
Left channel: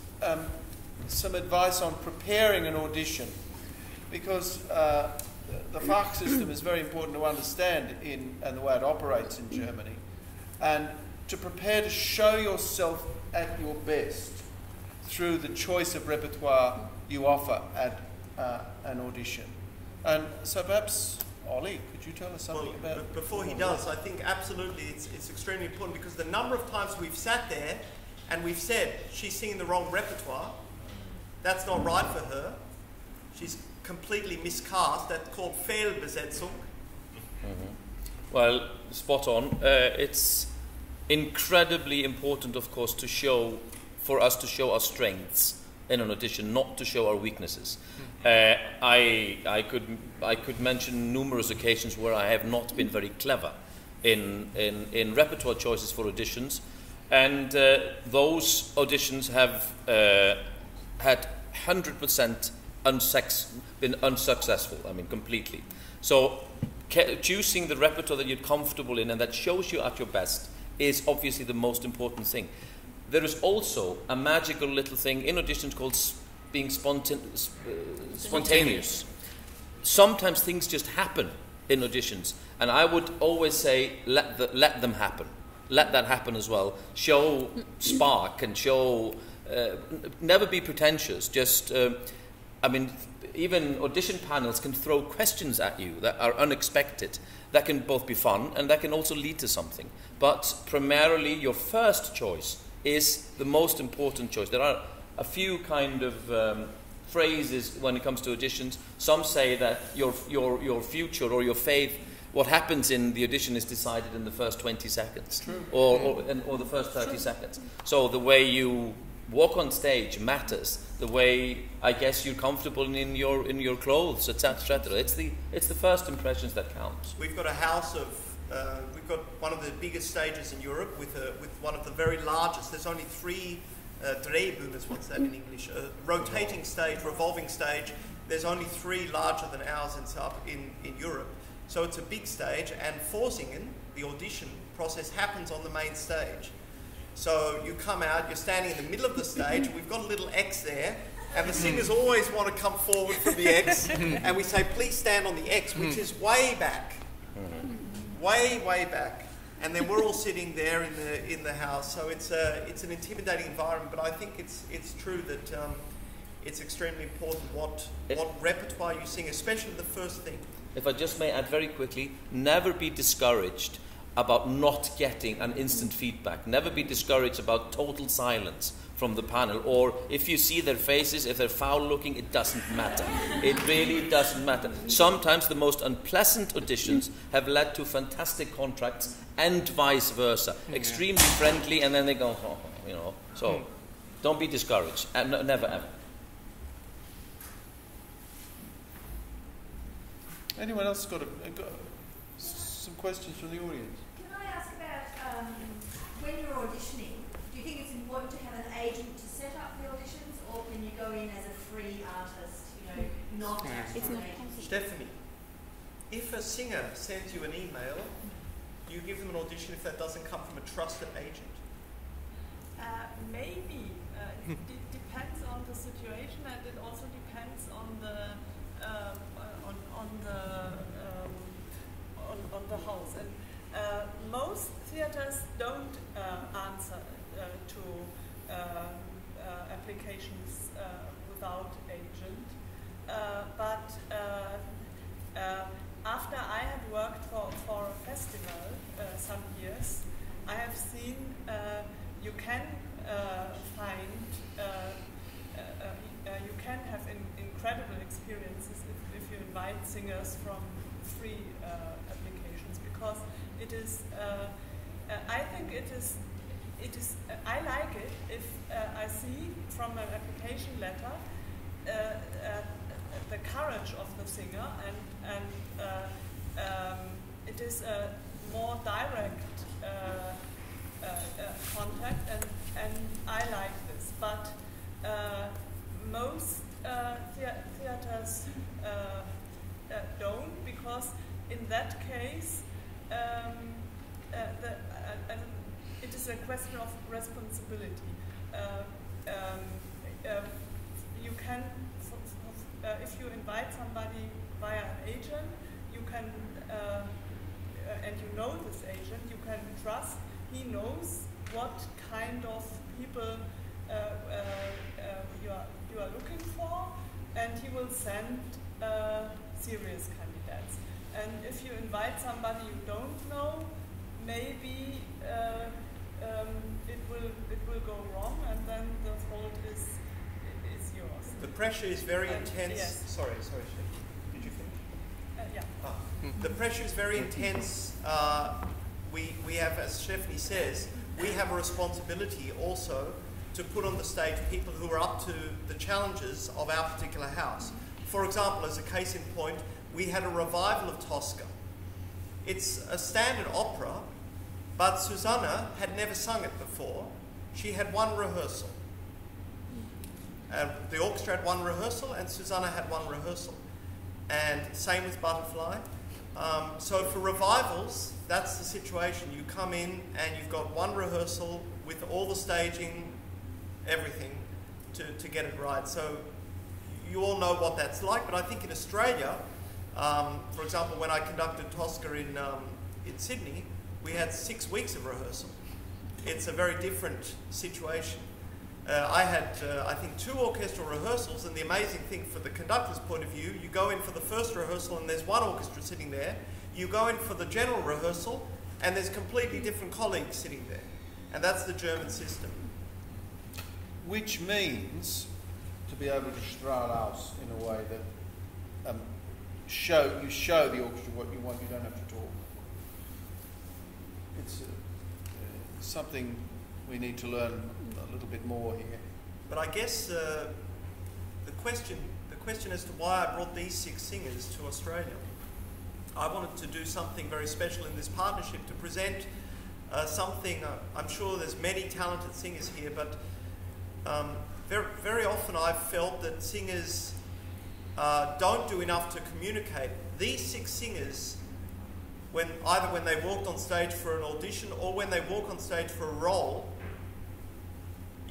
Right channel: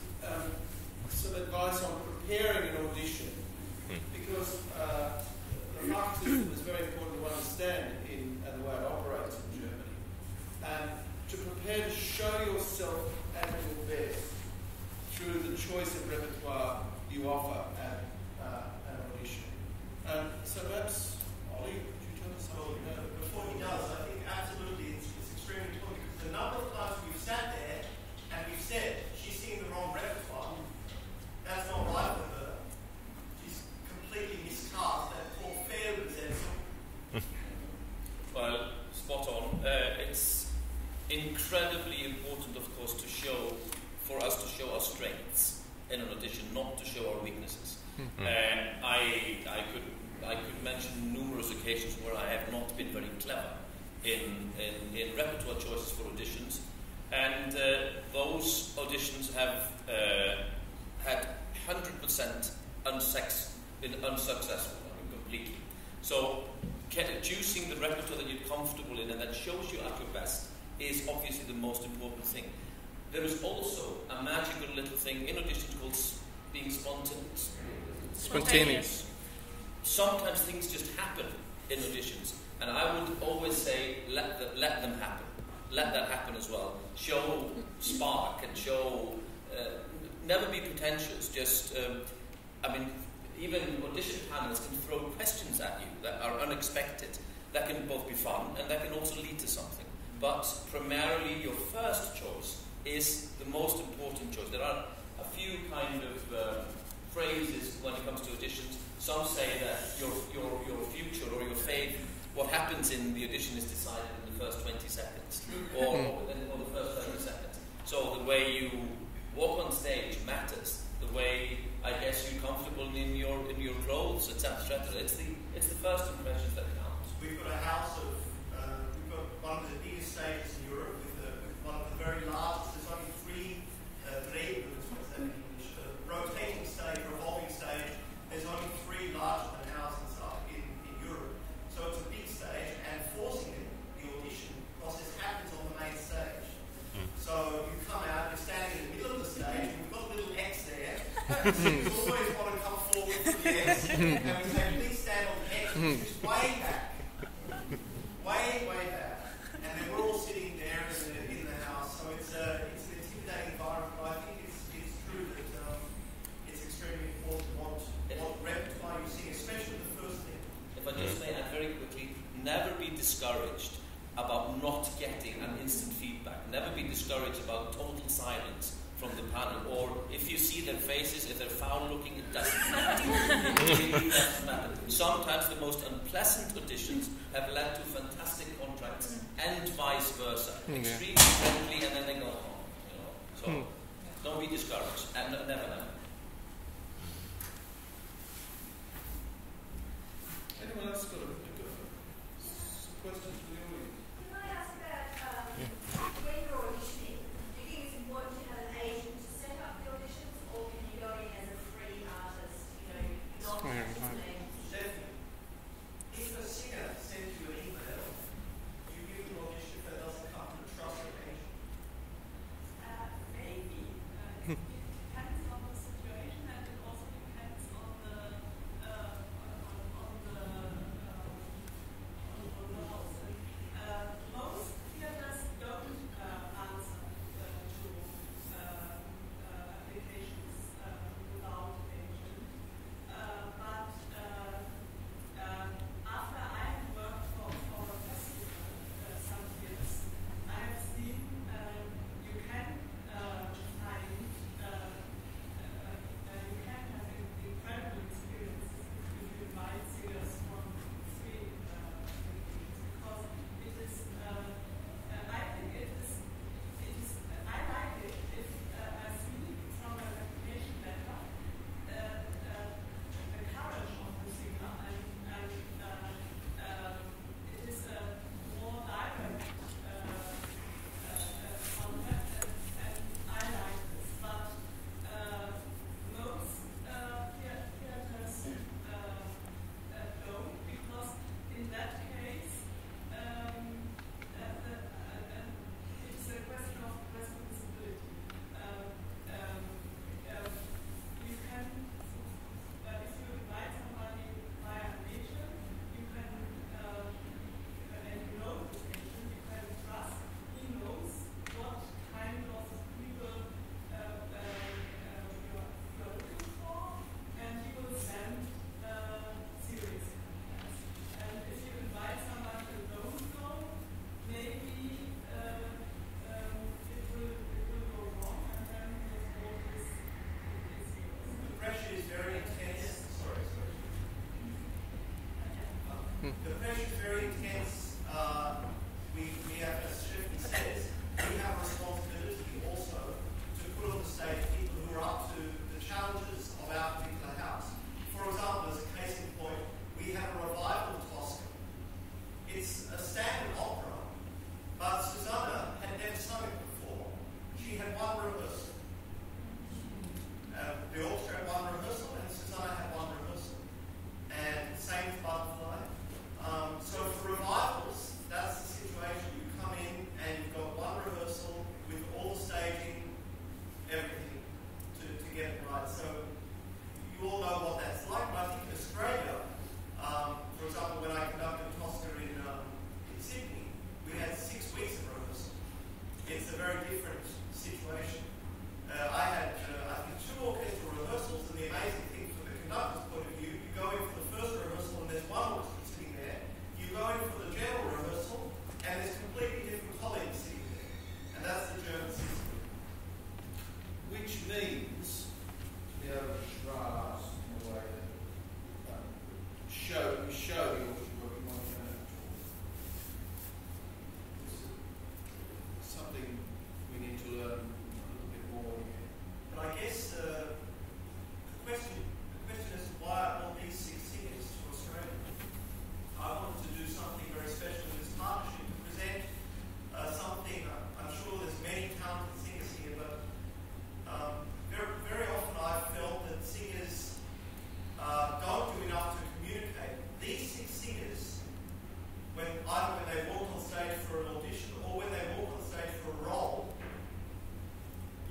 some advice on preparing an audition, because the Fach system is very important to understand and the way it operates in Germany, and to prepare to show yourself at your best through the choice of repertoire you offer at an audition. And so perhaps, Ollie, could you tell us something about it? Before he does, I think absolutely it's extremely important, because the number of times we've sat there and we've said, she's singing the wrong repertoire, that's not right for her, she's completely miscast, that's called Fehlbesetzung. Well, spot on. It's incredibly important, of course, for us to show our strengths in an audition, not to show our weaknesses. I could mention numerous occasions where I have not been very clever in repertoire choices for auditions, and those auditions have had 100% been unsuccessful. I mean, completely. So choosing the repertoire that you're comfortable in and that shows you at your best is obviously the most important thing. There is also a magical little thing in auditions called being spontaneous. Sometimes things just happen in auditions, and I would always say let them happen. Let that happen as well. Show spark and show. Never be pretentious. Just, I mean, even audition panels can throw questions at you that are unexpected. That can both be fun and that can also lead to something. But primarily, your first choice is the most important choice. There are a few kind of phrases when it comes to auditions. Some say that your future or your fate, what happens in the audition, is decided in the first 20 seconds or the first 30 seconds. So the way you walk on stage matters. The way, I guess, you're comfortable in your clothes, etc. It's the first impressions that count. We've got a house of we've got one of the biggest stages in Europe with one of the very largest. There's only 3 Drehbühnen, what's that in English? Rotating stage, revolving stage. There's only 3 larger than ours in Europe. So it's a big stage, and Vorsingen, the audition process, happens on the main stage. So you come out, you're standing in the middle of the stage, we've got a little X there, and the singers always want to come forward from the X, and we say, please stand on the X, which is way back. Way, way back. and then we're all sitting there in the house. So it's an intimidating environment. But I think it's true that it's extremely important what repertoire you sing, especially the first thing. If I just may add very quickly, never be discouraged about not getting an instant feedback. Never be discouraged about total silence from the panel, or if you see their faces, if they're foul looking, it doesn't matter. It really doesn't matter. Sometimes the most unpleasant auditions have led to fantastic contracts and vice versa. Extremely friendly, and then they go, oh, you know. So don't be discouraged, and never ever. Anyone else got some questions from the audience? Can I ask about when you're auditioning, do you think it's important to have an agent to set up the auditions, or can you go in as a free artist, not as an agent? Stephanie, if a singer sends you an email, you give them an audition if that doesn't come from a trusted agent? Maybe. It depends on the situation, and it also depends on the house. And most theaters don't answer to applications without agent. But after I have worked for a festival some years, I have seen you can find you can have incredible experiences if you invite singers from free applications, because it is I think it is I like it if I see from an application letter the courage of the singer, and it is a more direct contact, and I like this. But most theaters don't, because in that case it is a question of responsibility. You can, if you invite somebody via an agent, you can, and you know this agent, you can trust, he knows what kind of people you are looking for, and he will send serious candidates. And if you invite somebody you don't know, maybe it will go wrong, and then the fault is yours. The pressure is very intense. Yes. Sorry. Did you finish? Yeah. The pressure is very intense. We have, as Stephanie says, we have a responsibility also to put on the stage people who are up to the challenges of our particular house. For example, as a case in point, we had a revival of Tosca. It's a standard opera, but Susanna had never sung it before. She had one rehearsal. The orchestra had one rehearsal, and Susanna had one rehearsal. And same with Butterfly. So for revivals, that's the situation. You come in and you've got one rehearsal with all the staging, everything, to get it right. So you all know what that's like, but I think in Australia, for example, when I conducted Tosca in Sydney, we had 6 weeks of rehearsal. It's a very different situation. I had, I think, 2 orchestral rehearsals, and the amazing thing from the conductor's point of view, you go in for the first rehearsal and there's one orchestra sitting there. You go in for the general rehearsal and there's completely different colleagues sitting there. And that's the German system. Which means to be able to strut out in a way that you show the orchestra what you want, you don't have to talk. It's something we need to learn a little bit more here. But I guess the question as to why I brought these 6 singers to Australia, I wanted to do something very special in this partnership, to present something. I'm sure there's many talented singers here, but very, very often I've felt that singers don't do enough to communicate. These 6 singers, either when they walked on stage for an audition or when they walk on stage for a role,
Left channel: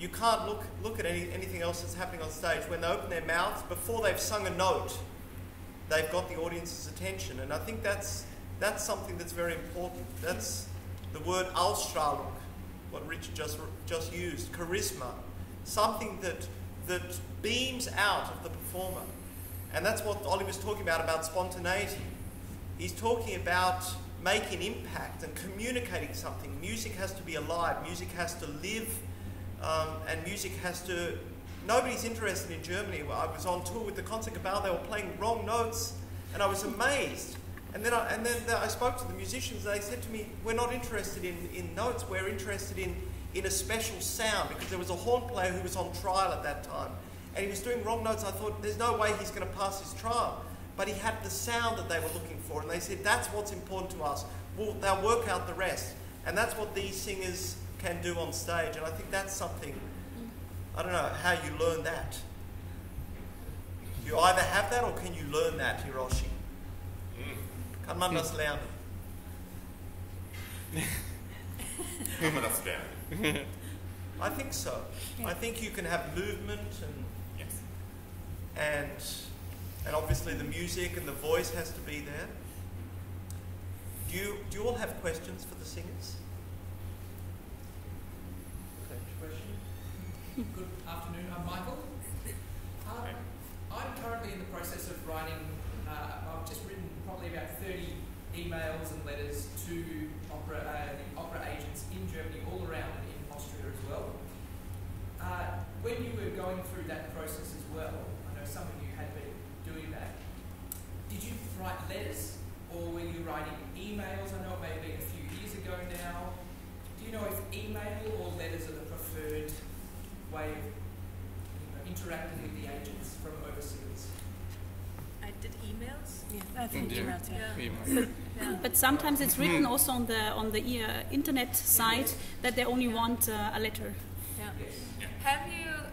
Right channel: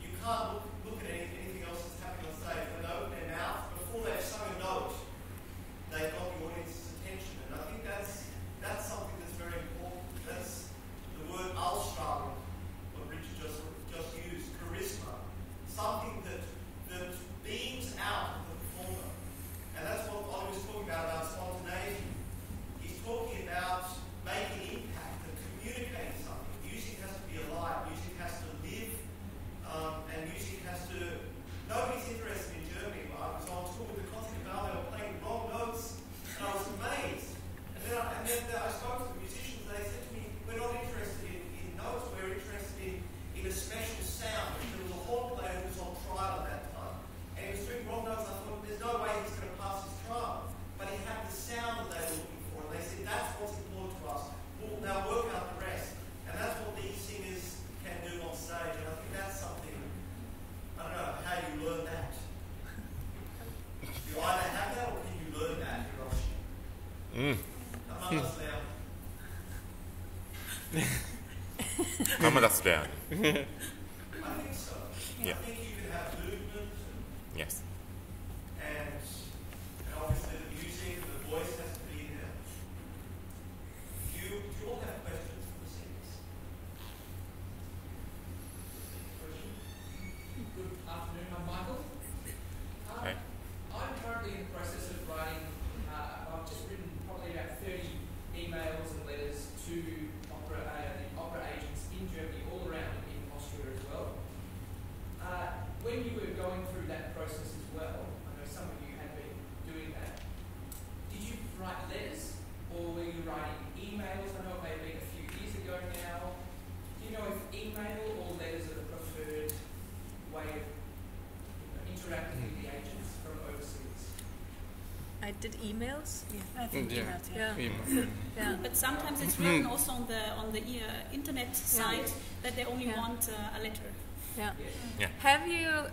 you can't look at anything else that's happening on stage. When they open their mouths, before they've sung a note, they've got the audience's attention. And I think that's something that's very important. the word Ausstrahlung, what Richard just used, charisma, something that beams out of the performer. And that's what Ollie was talking about spontaneity. He's talking about making impact and communicating something. Music has to be alive, music has to live, and music has to... Nobody's interested in Germany. I was on tour with the Concertgebouw, they were playing wrong notes, and I was amazed. And then I spoke to the musicians, they said to me, we're not interested in notes, we're interested in a special sound, because there was a horn player who was on trial at that time, and he was doing wrong notes. I thought, there's no way he's going to pass his trial. But he had the sound that they were looking for, and they said, that's what's important to us. They'll work out the rest. And that's what these singers can do on stage, and I think that's something, I don't know how you learn that. You either have that, or can you learn that, Hiroshi? Kann man das lernen? Kann man das lernen? I think so. Yeah. I think you can have movement and yes, and obviously the music and the voice has to be there. Do you all have questions for the singers? Good afternoon. I'm Michael. Hey. I'm currently in the process of writing. I've just written probably about 30 emails and letters to the opera agents in Germany, all around, and in Austria as well. When you were going through that process as well, I know some of you had been doing that. Did you write letters, or were you writing emails? I know it may have been a few years ago now. Do you know if email or letters are the preferred way of interacting with the agents from overseas? I did emails. Yeah, I think emails. Yeah. But sometimes it's written also on the internet site that they only want a letter. Yeah. Yeah. Have you?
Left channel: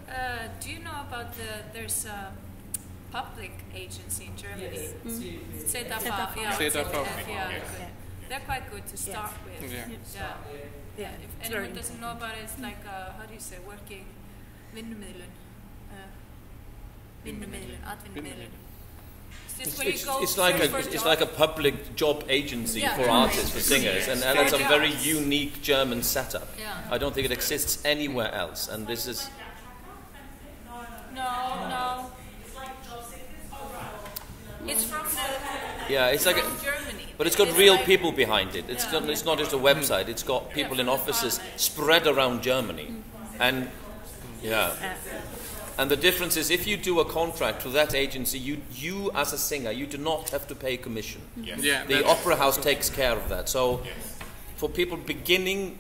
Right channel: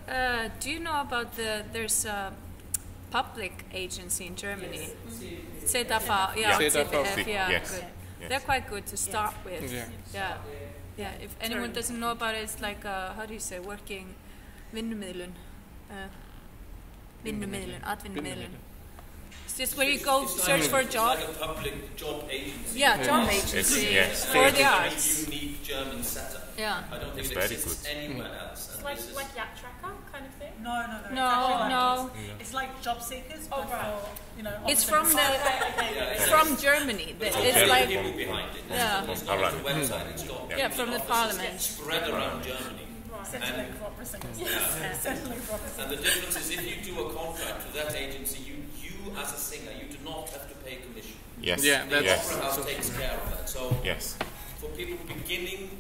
Do you know about there's a public agency in Germany? ZAV, yeah. ZAV, yeah. yes. Good. Yes. They're quite good to start with. Yeah. Yeah. If anyone doesn't know about it, it's like how do you say, working vinnumiðlun. Vinnumiðlun, atvinnumiðlun. It's just where you go search for a job. It's like a public job agency for job artists and agency. singers, and it's a very unique German setup. Yeah. I don't think it exists anywhere else, and this is... Like that tracker kind of thing? No. It's like job seekers, but It's from it's from like Germany. but it's got real people behind it. It's not just a website. It's got people in from the offices parliament. spread around Germany, and and the difference is if you do a contract with that agency, you as a singer, you do not have to pay commission. Yes. Yeah, The opera house takes care of that. So Yes. for people beginning,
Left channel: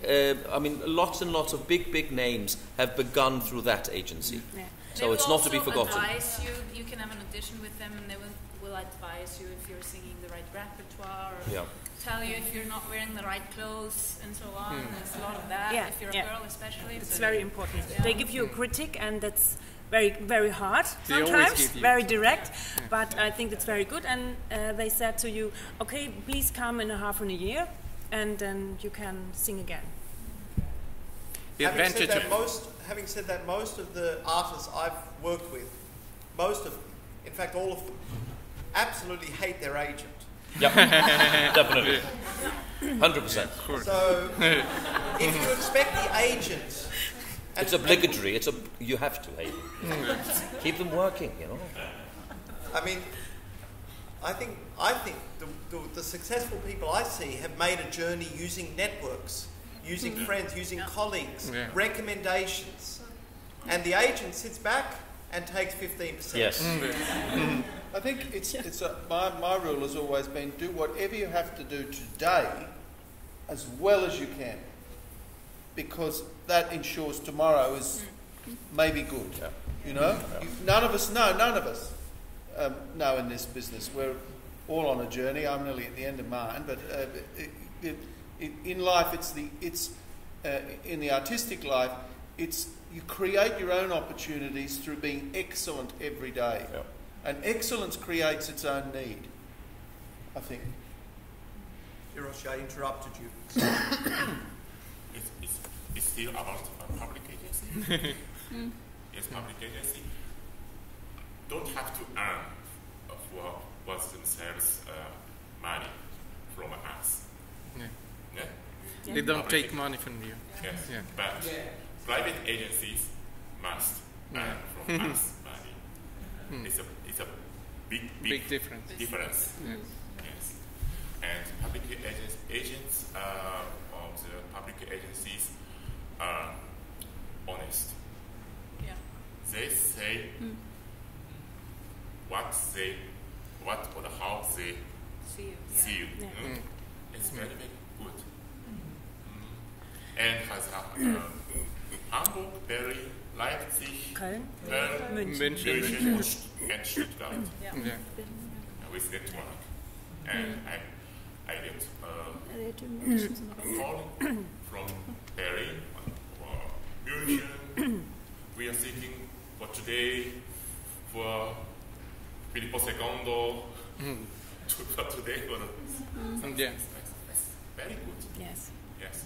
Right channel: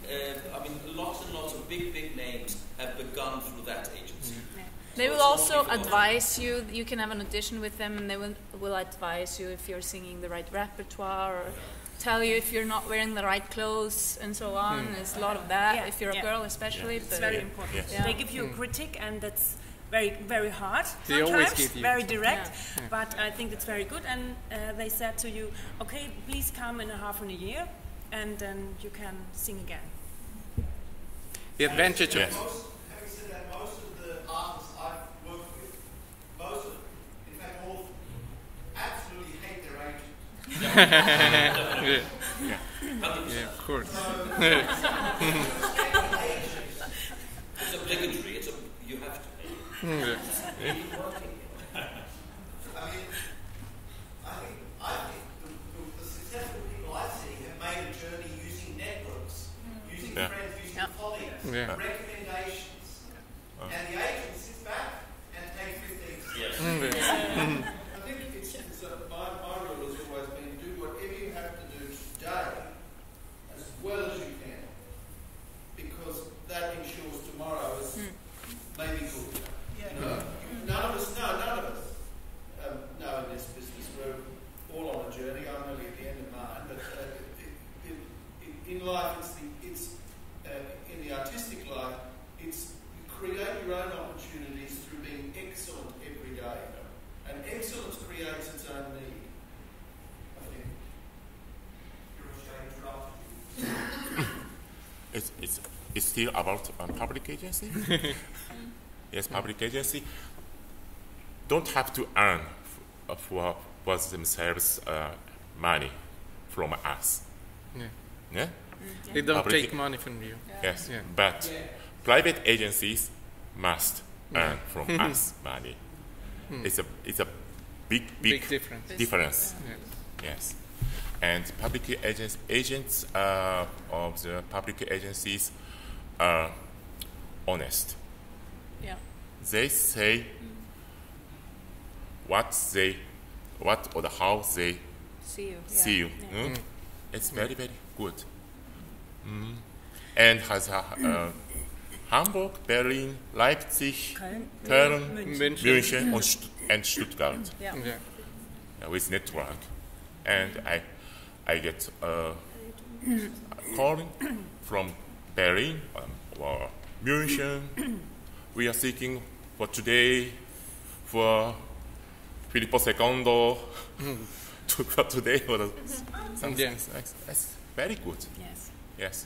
I mean, lots and lots of big names have begun through that agency. Yeah. So They will it's not to be also forgotten. advise you. You can have an audition with them, and they will advise you if you're singing the right repertoire, or tell you if you're not wearing the right clothes, and so on. There's a lot of that. If you're a girl, especially, it's very important. Yeah. They give you a critic, and that's very hard They always sometimes, give you. very direct. But I think it's very good. And they said to you, okay, please come in a half in a year, and then you can sing again. The advantage of Having said that, most of the artists I've worked with, in fact all of them, absolutely hate their agent. Yeah, definitely. 100%. of course. So if you expect the agent... It's obligatory. You have to hate it. Keep them working, you know. I mean, I think the successful people I see have made a journey using networks, using friends, using colleagues, recommendations. And the agent sits back and takes 15%. Yes. I think my rule has always been do whatever you have to do today as well as you can, because that ensures tomorrow is maybe good. You know, none of us know in this business. We're all on a journey. I'm nearly at the end of mine, but in life, in the artistic life, you create your own opportunities through being excellent every day. Yep. And excellence creates its own need, I think. Hiroshi, I interrupted you. It's still about public agency. Yes, public agency don't have to earn for themselves money from us. Yeah? They don't public- take money from you. Yes, Yeah. but private agencies must earn from us money. It's a big difference. difference. Yeah. Yes, and public agents of the public agencies are honest. Yeah. They say what or how they See you. see you. Yeah. Mm? It's very good. And has Hamburg, Berlin, Leipzig, Köln, Köln, München. München and Stuttgart Yeah. Yeah. with network. And I get a call from Berlin or München. We are seeking for today for Filippo II for today or something. Yeah. That's very good. Yes. Yes.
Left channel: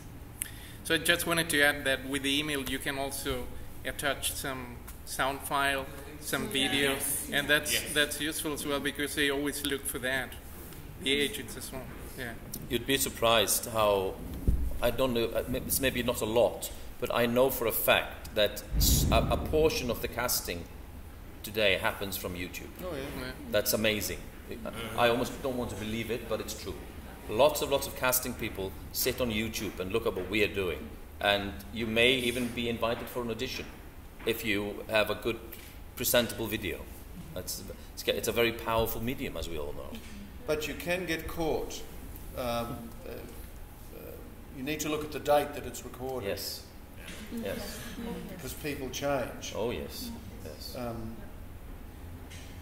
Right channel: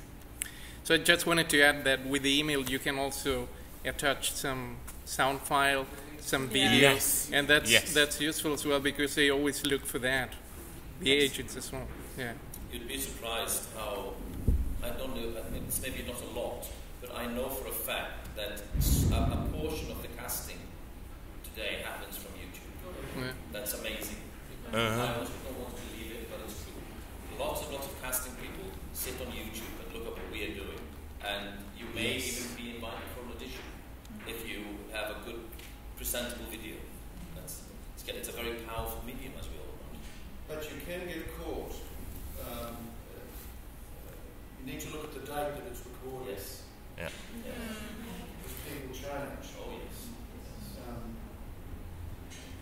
So I just wanted to add that with the email you can also attach some sound file, some video, Yes. and Yes. that's useful as well because they always look for that. The agents as well. Yeah. You'd be surprised how, I don't know, it's maybe not a lot, but I know for a fact that a portion of the casting today happens from YouTube. Oh, yeah. Yeah. That's amazing. I almost don't want to believe it, but it's true. Lots of casting people sit on YouTube and look at what we are doing. And you may even be invited for an audition if you have a good, presentable video. It's a very powerful medium, as we all know. But you can get caught. You need to look at the date that it's recorded. Yes. Yeah. Yes. Because people change. Oh, yes. Yes.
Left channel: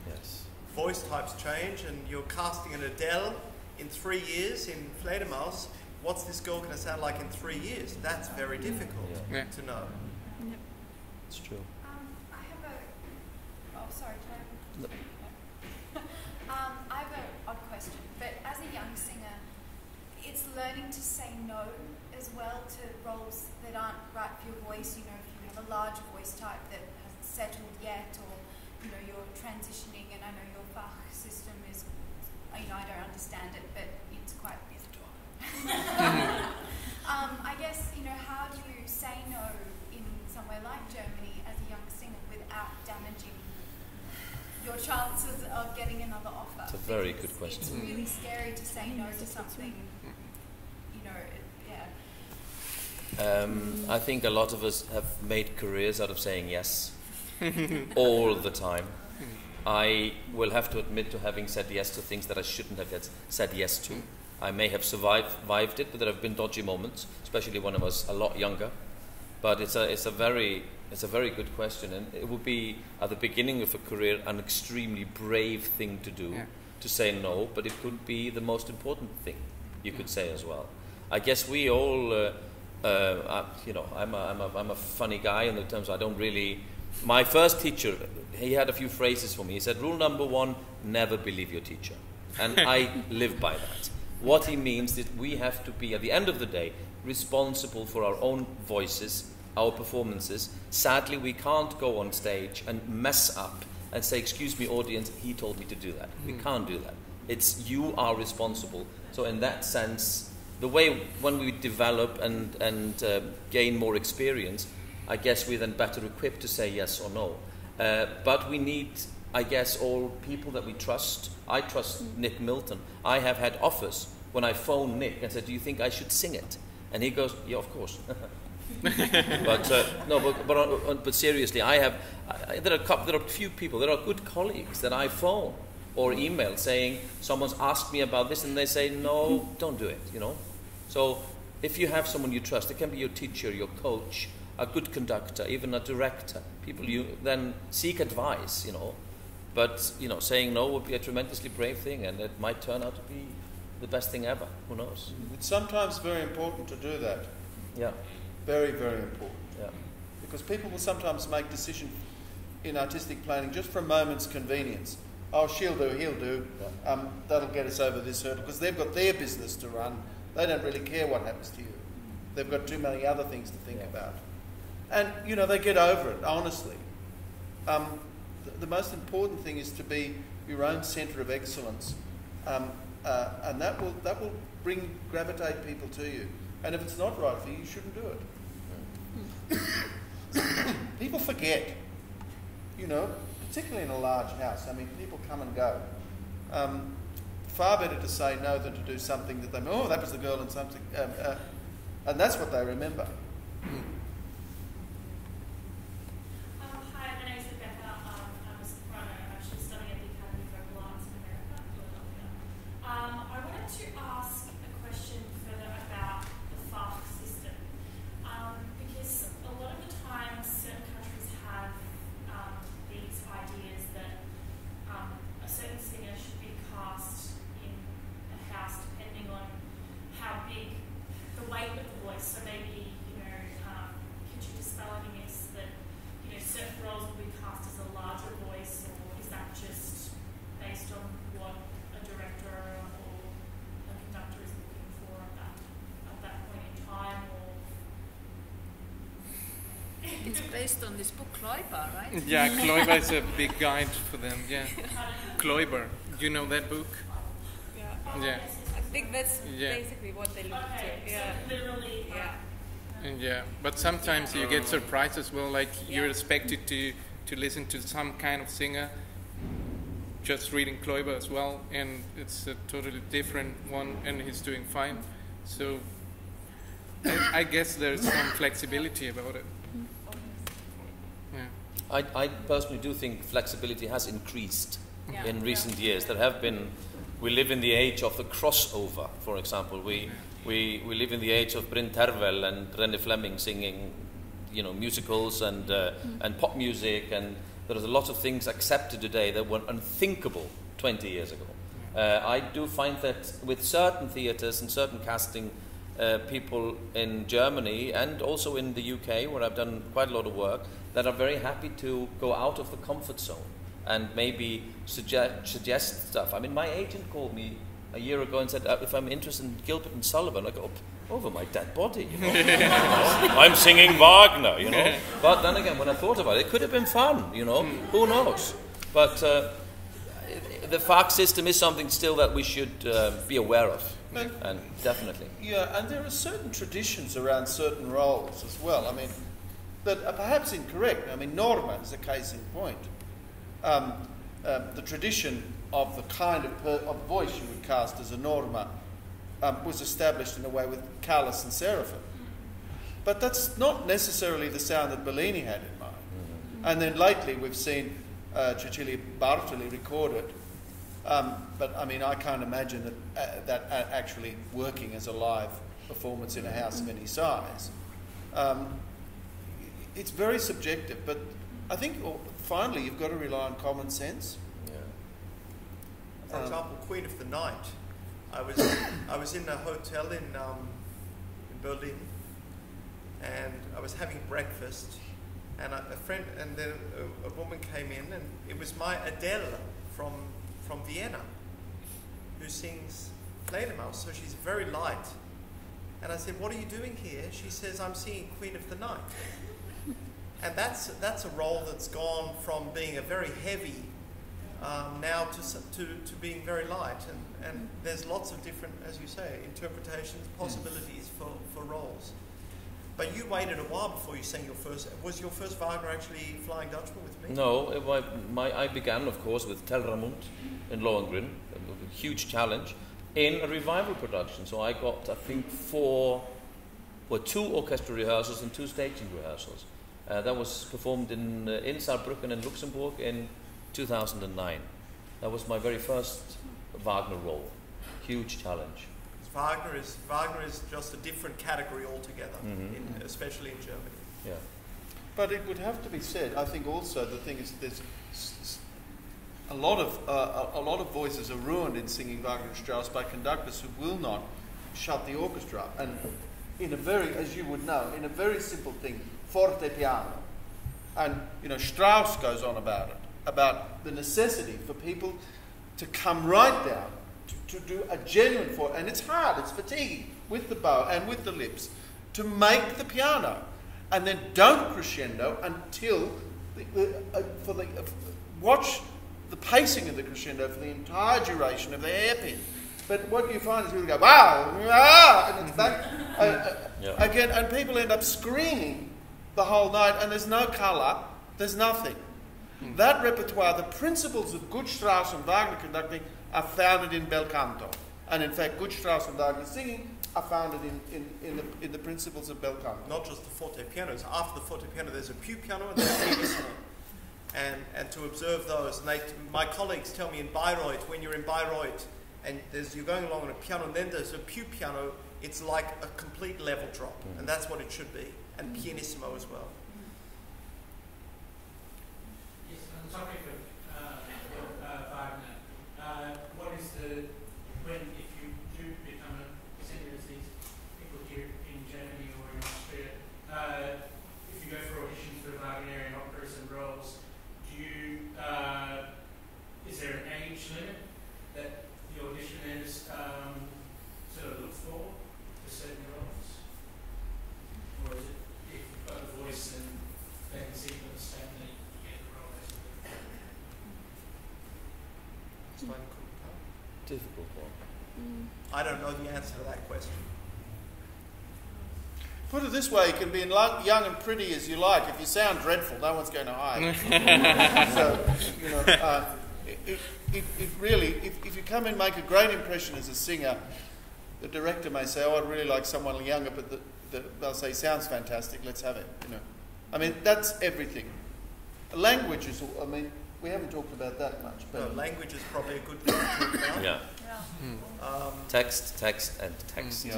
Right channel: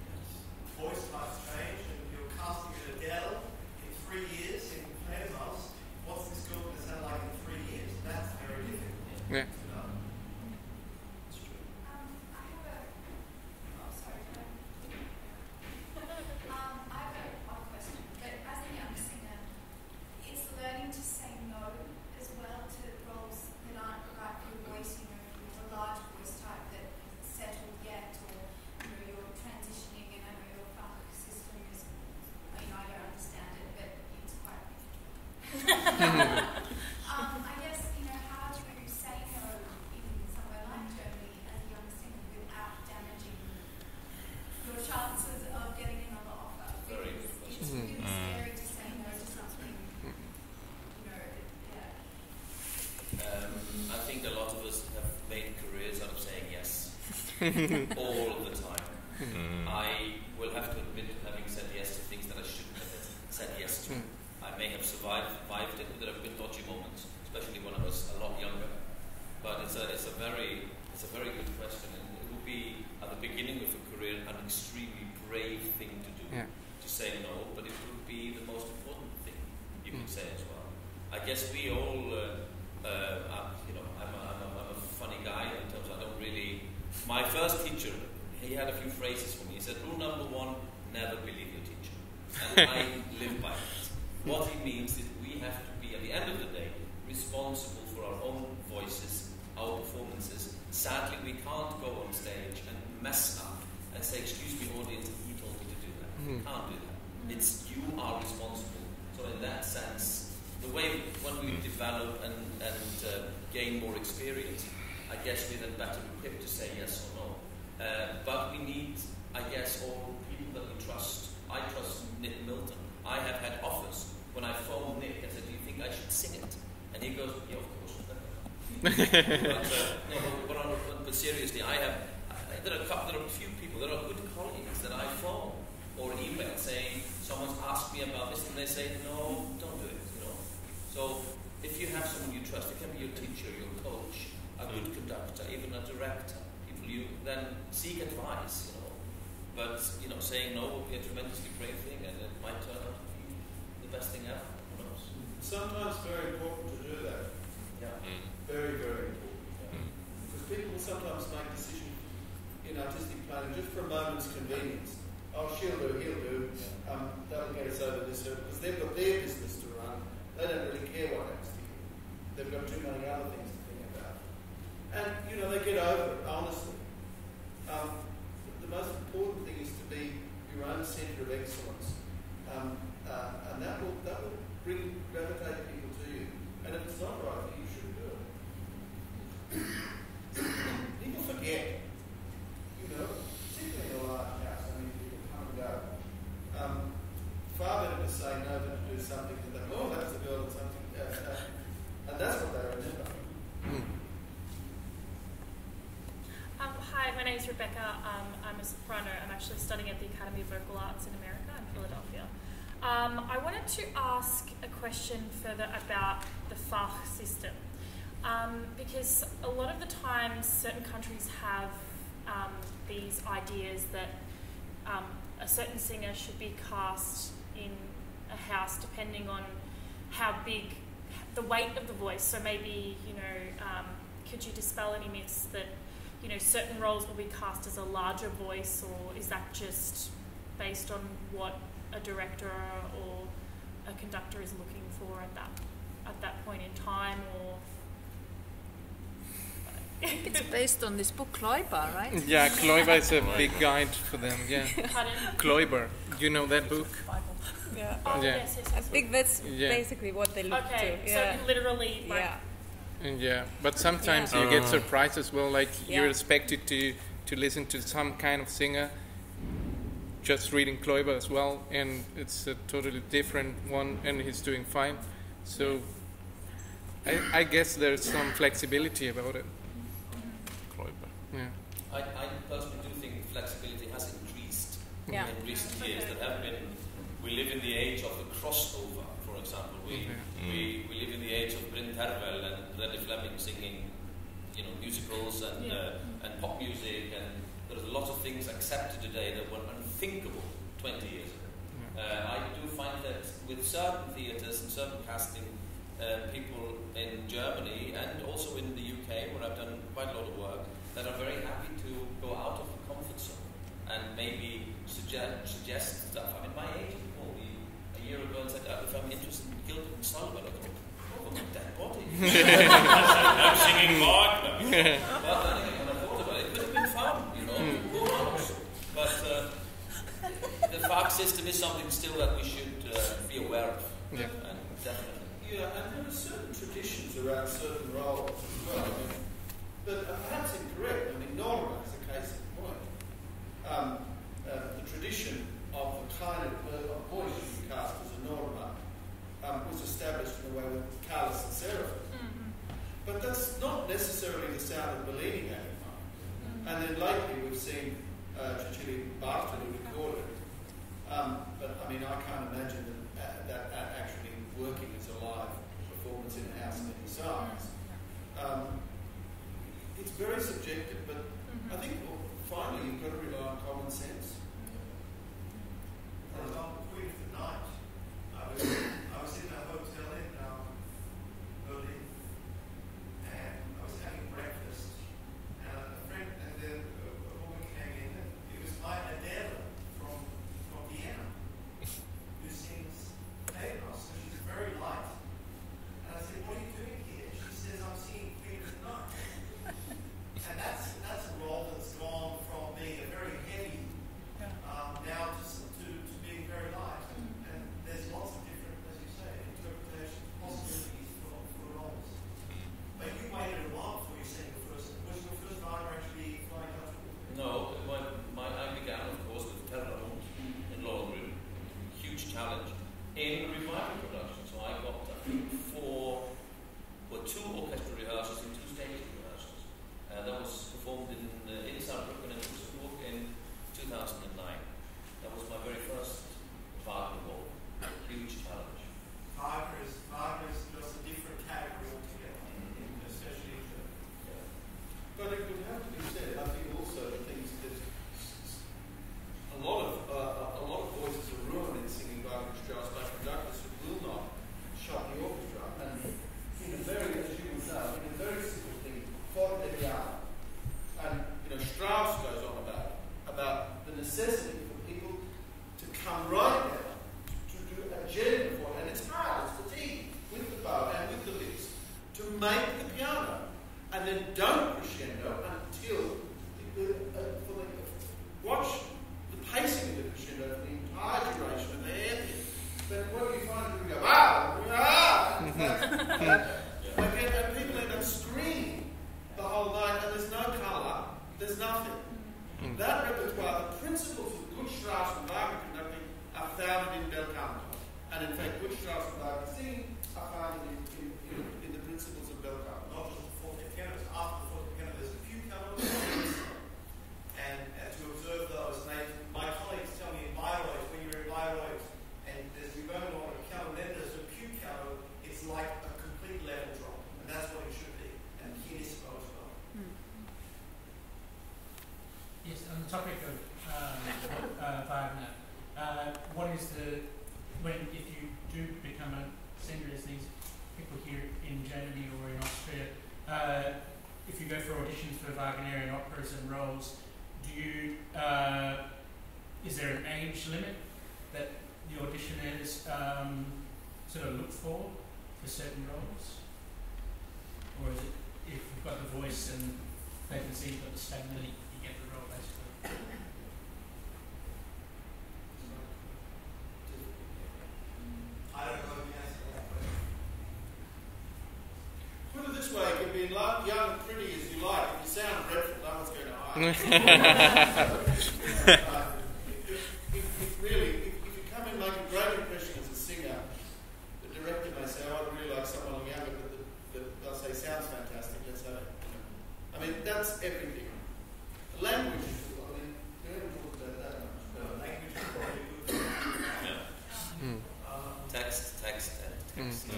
Yes. Voice types change, and you're casting an Adele in 3 years in Fledermaus. What's this girl going to sound like in 3 years? That's very difficult Yeah. to know. It's true. I have a. Oh, sorry. I have a odd question. But as a young singer, it's learning to say no as well to roles that aren't right for your voice. You know, if you have a large voice type that hasn't settled yet, or you're transitioning, and I know your Fach system is. I don't understand it, but it's quite beautiful. I guess how do you say no in somewhere like Germany as a young singer without damaging your chances of getting another offer? It's a very good question. It's really scary to say no to something. I think a lot of us have made careers out of saying yes all the time. I will have to admit to having said yes to things that I shouldn't have said yes to. I may have survived it, but there have been dodgy moments, especially when I was a lot younger. But it's a very good question, and it would be at the beginning of a career an extremely brave thing to do, to say no. But it could be the most important thing you could say as well. I guess we all, I'm a funny guy in the terms I don't really. My first teacher, he had a few phrases for me. He said, "Rule number 1: never believe your teacher," and I live by that. What he means is we have to be, at the end of the day, responsible for our own voices, our performances. Sadly, we can't go on stage and mess up and say, "Excuse me, audience, he told me to do that." We can't do that. It's you are responsible. So in that sense, the way when we develop and gain more experience, I guess we're then better equipped to say yes or no. But we need, I guess, all people that we trust. I trust Nick Milton. I have had offers when I phoned Nick and said, "Do you think I should sing it?" And he goes, "Yeah, of course." But seriously, there are a few people. There are good colleagues that I phone or email saying someone's asked me about this, and they say, "No, don't do it." So if you have someone you trust, it can be your teacher, your coach, a good conductor, even a director. People you then seek advice. But saying no would be a tremendously brave thing, and it might turn out to be the best thing ever. Who knows? It's sometimes very important to do that. Yeah. Very, very important. Yeah. Because people will sometimes make decisions in artistic planning just for a moment's convenience. Oh, she'll do, he'll do. That'll get us over this hurdle, because they've got their business to run. They don't really care what happens to you. They've got too many other things to think about. And, they get over it, honestly. The most important thing is to be your own centre of excellence. And that will gravitate people to you. And if it's not right for you, you shouldn't do it. People forget, you know, particularly in a large house. I mean, people come and go. Far better to say no than to do something that they, oh, that was the girl in something, and that's what they remember. Hi, my name is Rebecca. I'm a soprano. I'm actually studying at the Academy of Vocal Arts in America, in Philadelphia. I wanted to ask a question further about the Fach system, because a lot of the times certain countries have these ideas that a certain singer should be cast in a house depending on how big the weight of the voice. So maybe, you know, could you dispel any myths that, you know, certain roles will be cast as a larger voice, or is that just based on what a director or a conductor is looking for at that point in time, or? It's based on this book Kloiber, right? Yeah, Kloiber is a big guide for them. Yeah, Kloiber. You know that book? Yeah. Oh, Yeah. yes, I think that's basically what they look to. Yeah. So literally, like, Yeah, but sometimes you get surprised as well. Like you're expected to listen to some kind of singer, just reading Kloiber as well, and it's a totally different one, and he's doing fine. So I guess there's some flexibility about it. Yeah. I personally do think flexibility has increased in recent years. There have been. We live in the age of the crossover, for example. We live in the age of Bryn Tervel and René Fleming singing, you know, musicals and pop music, and there are a lot of things accepted today that were unthinkable 20 years ago. I do find that with certain theatres and certain casting people in Germany and also in the UK, where I've done quite a lot of work, that are very happy to go out of the comfort zone and maybe suggest stuff. I mean, my agent called me a year ago and said, if I'm interested in Gilbert and Sullivan, I go, over my dead body. I'm singing Wagner, you know. But then again, when I thought about it, it could have been fun, you know. Who knows? But the Fach system is something still that we should be aware of, and definitely. Yeah, and there are certain traditions around certain roles as well. I mean, that are perhaps incorrect. I mean, Norma is a case in point. The tradition of the kind of voice you would cast as a Norma was established in a way with Callas and Seraphim. But that's not necessarily the sound that Bellini had in mind. And then lately we've seen Cecilia Bartoli recorded. But I mean, I can't imagine that actually working as a live performance in a house of any size. It's very subjective, but I think finally you've got to rely on common sense. For example, Queen of the Night. I was in a hotel in Berlin, and I was having breakfast, and a friend and then a woman came in, and it was my Adele from Vienna, who sings Fledermaus, so she's very light. And I said, "What are you doing here?" She says, "I'm singing Queen of the Night." And that's a role that's gone from being a very heavy now to being very light. And there's lots of different, as you say, interpretations, possibilities for roles. But you waited a while before you sang your first. Was your first Wagner actually Flying Dutchman with me? No, I began, of course, with Telramund in Lohengrin, a huge challenge, in a revival production. So I got, I think, 2 orchestra rehearsals and 2 staging rehearsals. That was performed in Saarbrücken in Luxembourg in 2009. That was my very first Wagner role. Huge challenge. Wagner is just a different category altogether, especially in Germany. Yeah. But it would have to be said, I think also the thing is there's a lot of voices are ruined in singing Wagner and Strauss by conductors who will not shut the orchestra. And in a very, as you would know, in a very simple thing, forte piano. And, you know, Strauss goes on about it, about the necessity for people to come right down, to do a genuine forte. And it's hard, it's fatiguing, with the bow and with the lips, to make the piano. And then don't crescendo until, watch the pacing of the crescendo for the entire duration of the hairpin. But what you find is really go, wow, wow, and it's that, and people end up screaming the whole night, and there's no colour, there's nothing. That repertoire, the principles of good Strauss and Wagner conducting, are founded in bel canto. And in fact, good Strauss and Wagner singing are founded in the principles of bel canto. Not just the forte pianos. After the forte piano, there's a più piano and there's a whistle. And to observe those, and my colleagues tell me in Bayreuth, when you're in Bayreuth and you're going along on a piano, and then there's a più piano, it's like a complete level drop, and that's what it should be, and pianissimo as well. Yes, on the topic of Wagner, what is if you do become a singer, as these people here in Germany or in Austria, if you go for auditions for Wagnerian operas and roles, is there an age limit that the auditioners sort of look for certain roles? Or is it, if you've got the voice and they can see you've got the stamina, you get the role basically? Difficult one. I don't know the answer to that question. Put it this way, you can be young and pretty as you like. If you sound dreadful, no one's going to hire you. If you come in and make a great impression as a singer, the director may say, "Oh, I'd really like someone younger," but they'll say, "Sounds fantastic, let's have it." I mean, that's everything. Language is. I mean, we haven't talked about that much. But no, language is probably a good thing to talk about. Yeah. Text, and text. Yeah.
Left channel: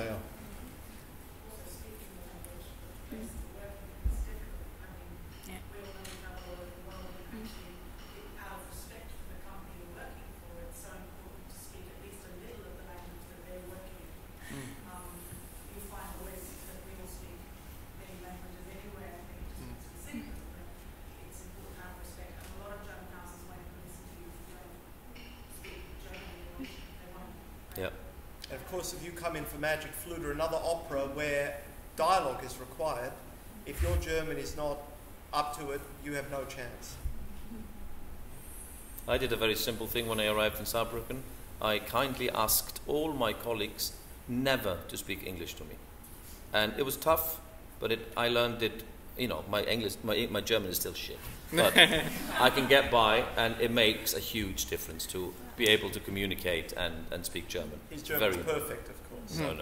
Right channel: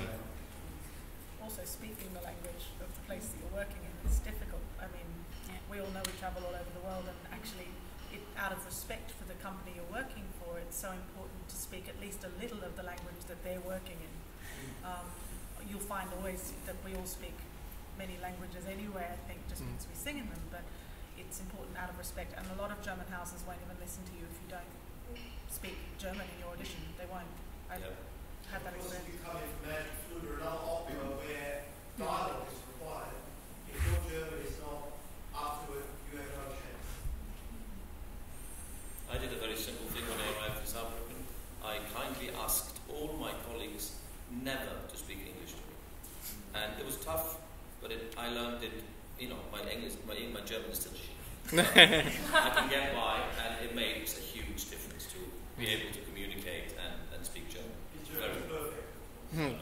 Also, speaking the language of the place that you're working in is difficult. I mean, we all know we travel all over the world, and actually, out of respect for the company you're working for, it's so important to speak at least a little of the language that they're working in. You'll find always that we all speak many languages anyway, I think, just because we sing in them, but it's important out of respect. And a lot of German houses won't even listen to you if you don't speak German in your audition. They won't. Yep. Of course, if you come in for Magic Flute or another opera where dialogue is required, if your German is not up to it, you have no chance. I did a very simple thing when I arrived in Saarbrücken. I kindly asked all my colleagues never to speak English to me. And it was tough, but I learned it, my German is still shit. But I can get by, and it makes a huge difference to be able to communicate and speak German. His German is perfect, of course. No.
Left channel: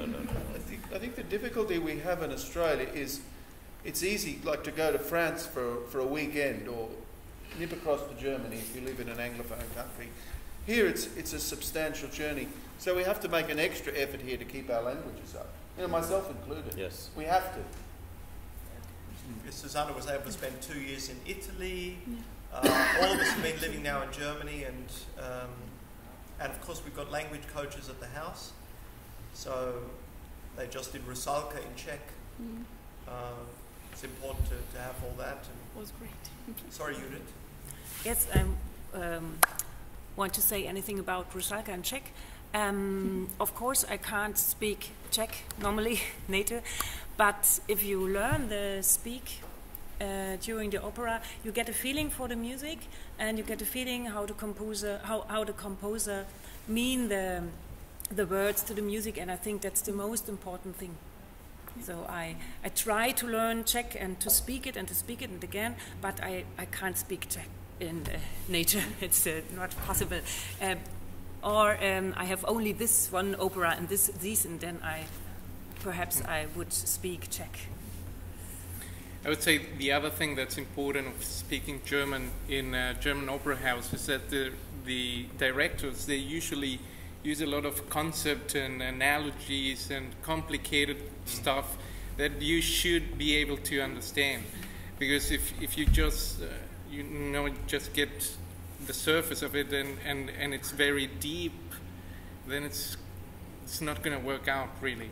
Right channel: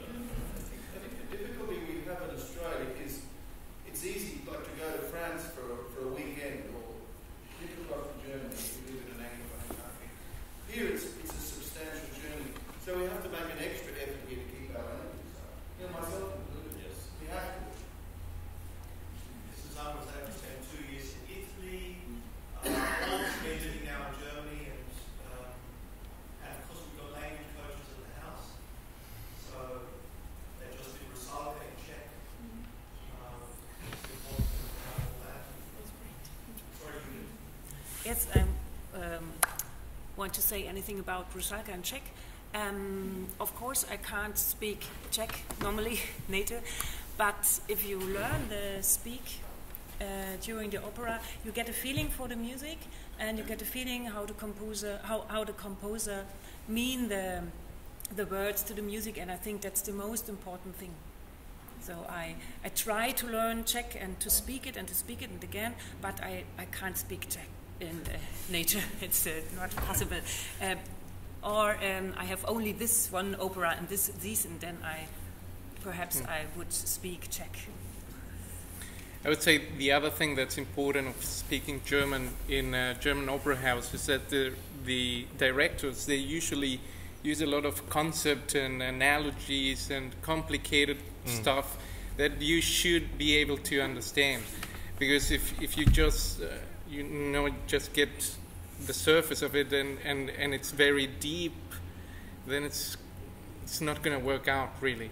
I think the difficulty we have in Australia is it's easy, like, to go to France for a weekend or nip across to Germany if you live in an Anglophone country. Here it's a substantial journey, so we have to make an extra effort here to keep our languages up. Myself included. Yes. We have to. Susanna was able to spend 2 years in Italy. All of us have been living now in Germany, and of course we've got language coaches at the house. So they just did Rusalka in Czech. It's important to have all that. It was great. Sorry, Judith. Yes, I want to say anything about Rusalka and Czech. Of course, I can't speak Czech normally, native, but if you learn the speak during the opera, you get a feeling for the music, and you get a feeling how the composer mean the words to the music, and I think that's the most important thing. So I try to learn Czech and to speak it and again, but I can't speak Czech in nature. It's not possible. I have only this one opera and these, and then I would speak Czech. I would say the other thing that's important of speaking German in a German opera house is that the directors, they usually use a lot of concept and analogies and complicated stuff that you should be able to understand. Because if you just just get the surface of it and it's very deep, then it's not going to work out really.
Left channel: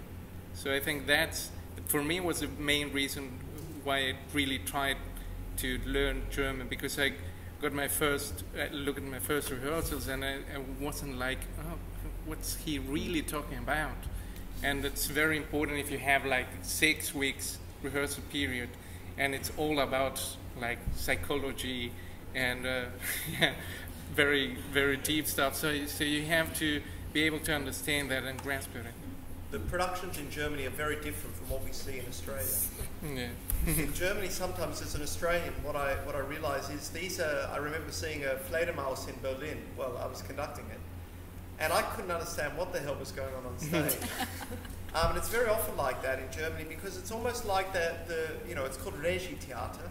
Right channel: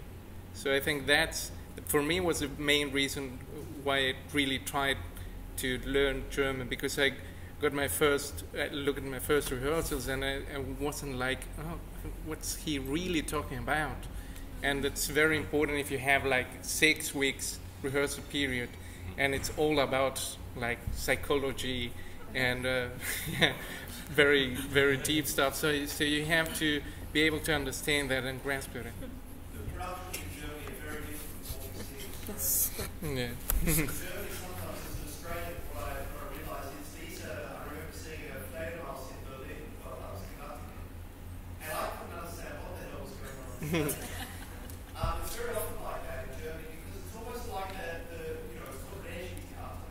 So I think that's, for me, was the main reason why I really tried to learn German, because I got my first look at my first rehearsals and I wasn't like, oh, what's he really talking about? And it's very important if you have like 6 weeks rehearsal period and it's all about like psychology and very, very deep stuff. So you have to be able to understand that and grasp it. The productions in Germany are very different from what we see in Australia. Yeah. In Germany, sometimes as an Australian, what I realise is these are. I remember seeing a Fledermaus in Berlin while I was conducting it, and I couldn't understand what the hell was going on stage. It's very often like that in Germany because it's almost like it's called Regie-Theater,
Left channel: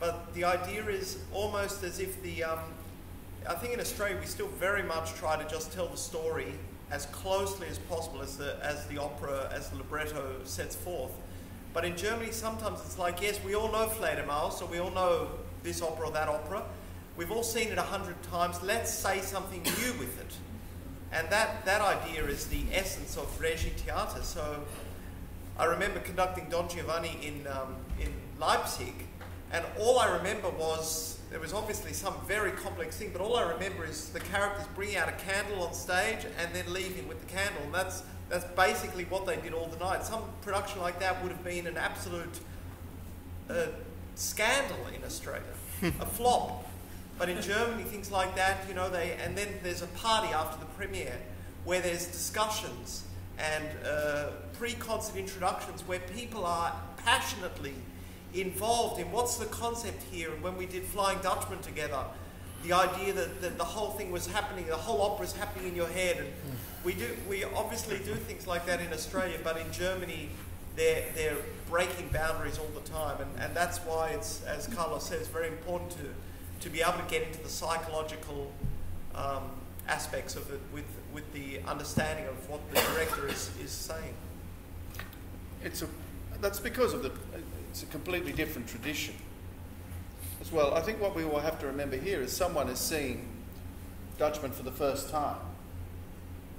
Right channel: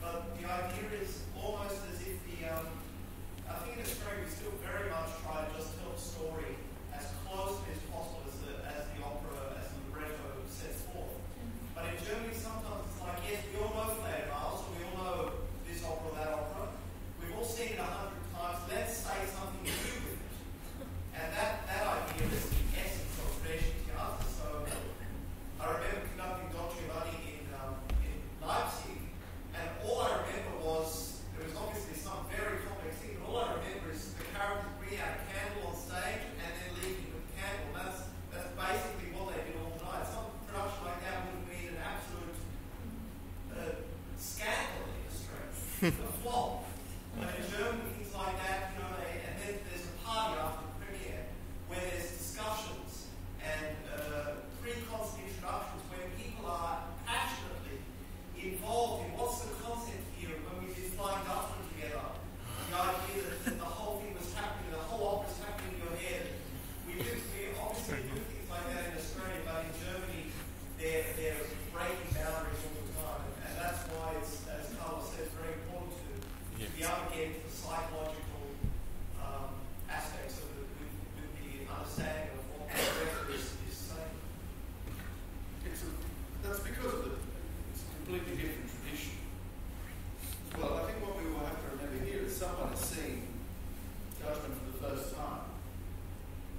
but the idea is almost as if I think in Australia we still very much try to just tell the story as closely as possible as the opera, as the libretto sets forth. But in Germany sometimes it's like, yes, we all know Fledermaus, or we all know this opera or that opera. We've all seen it 100 times, let's say something new with it. And that idea is the essence of Regie-Theater. So I remember conducting Don Giovanni in Leipzig, and all I remember was, there was obviously some very complex thing, but all I remember is the characters bringing out a candle on stage and then leaving with the candle. And that's basically what they did all the night. Some production like that would have been an absolute scandal in Australia, a flop. But in Germany, things like that, and then there's a party after the premiere where there's discussions and pre-concert introductions where people are passionately involved in what's the concept here. And when we did Flying Dutchman together, the idea that the whole thing was happening, the whole opera's happening in your head. And we obviously do things like that in Australia, but in Germany, they're breaking boundaries all the time. And that's why it's, as Carlos says, very important to be able to get into the psychological aspects of it with the understanding of what the director is saying. That's because of it's a completely different tradition as well. I think what we will have to remember here is someone is seeing Dutchman for the first time.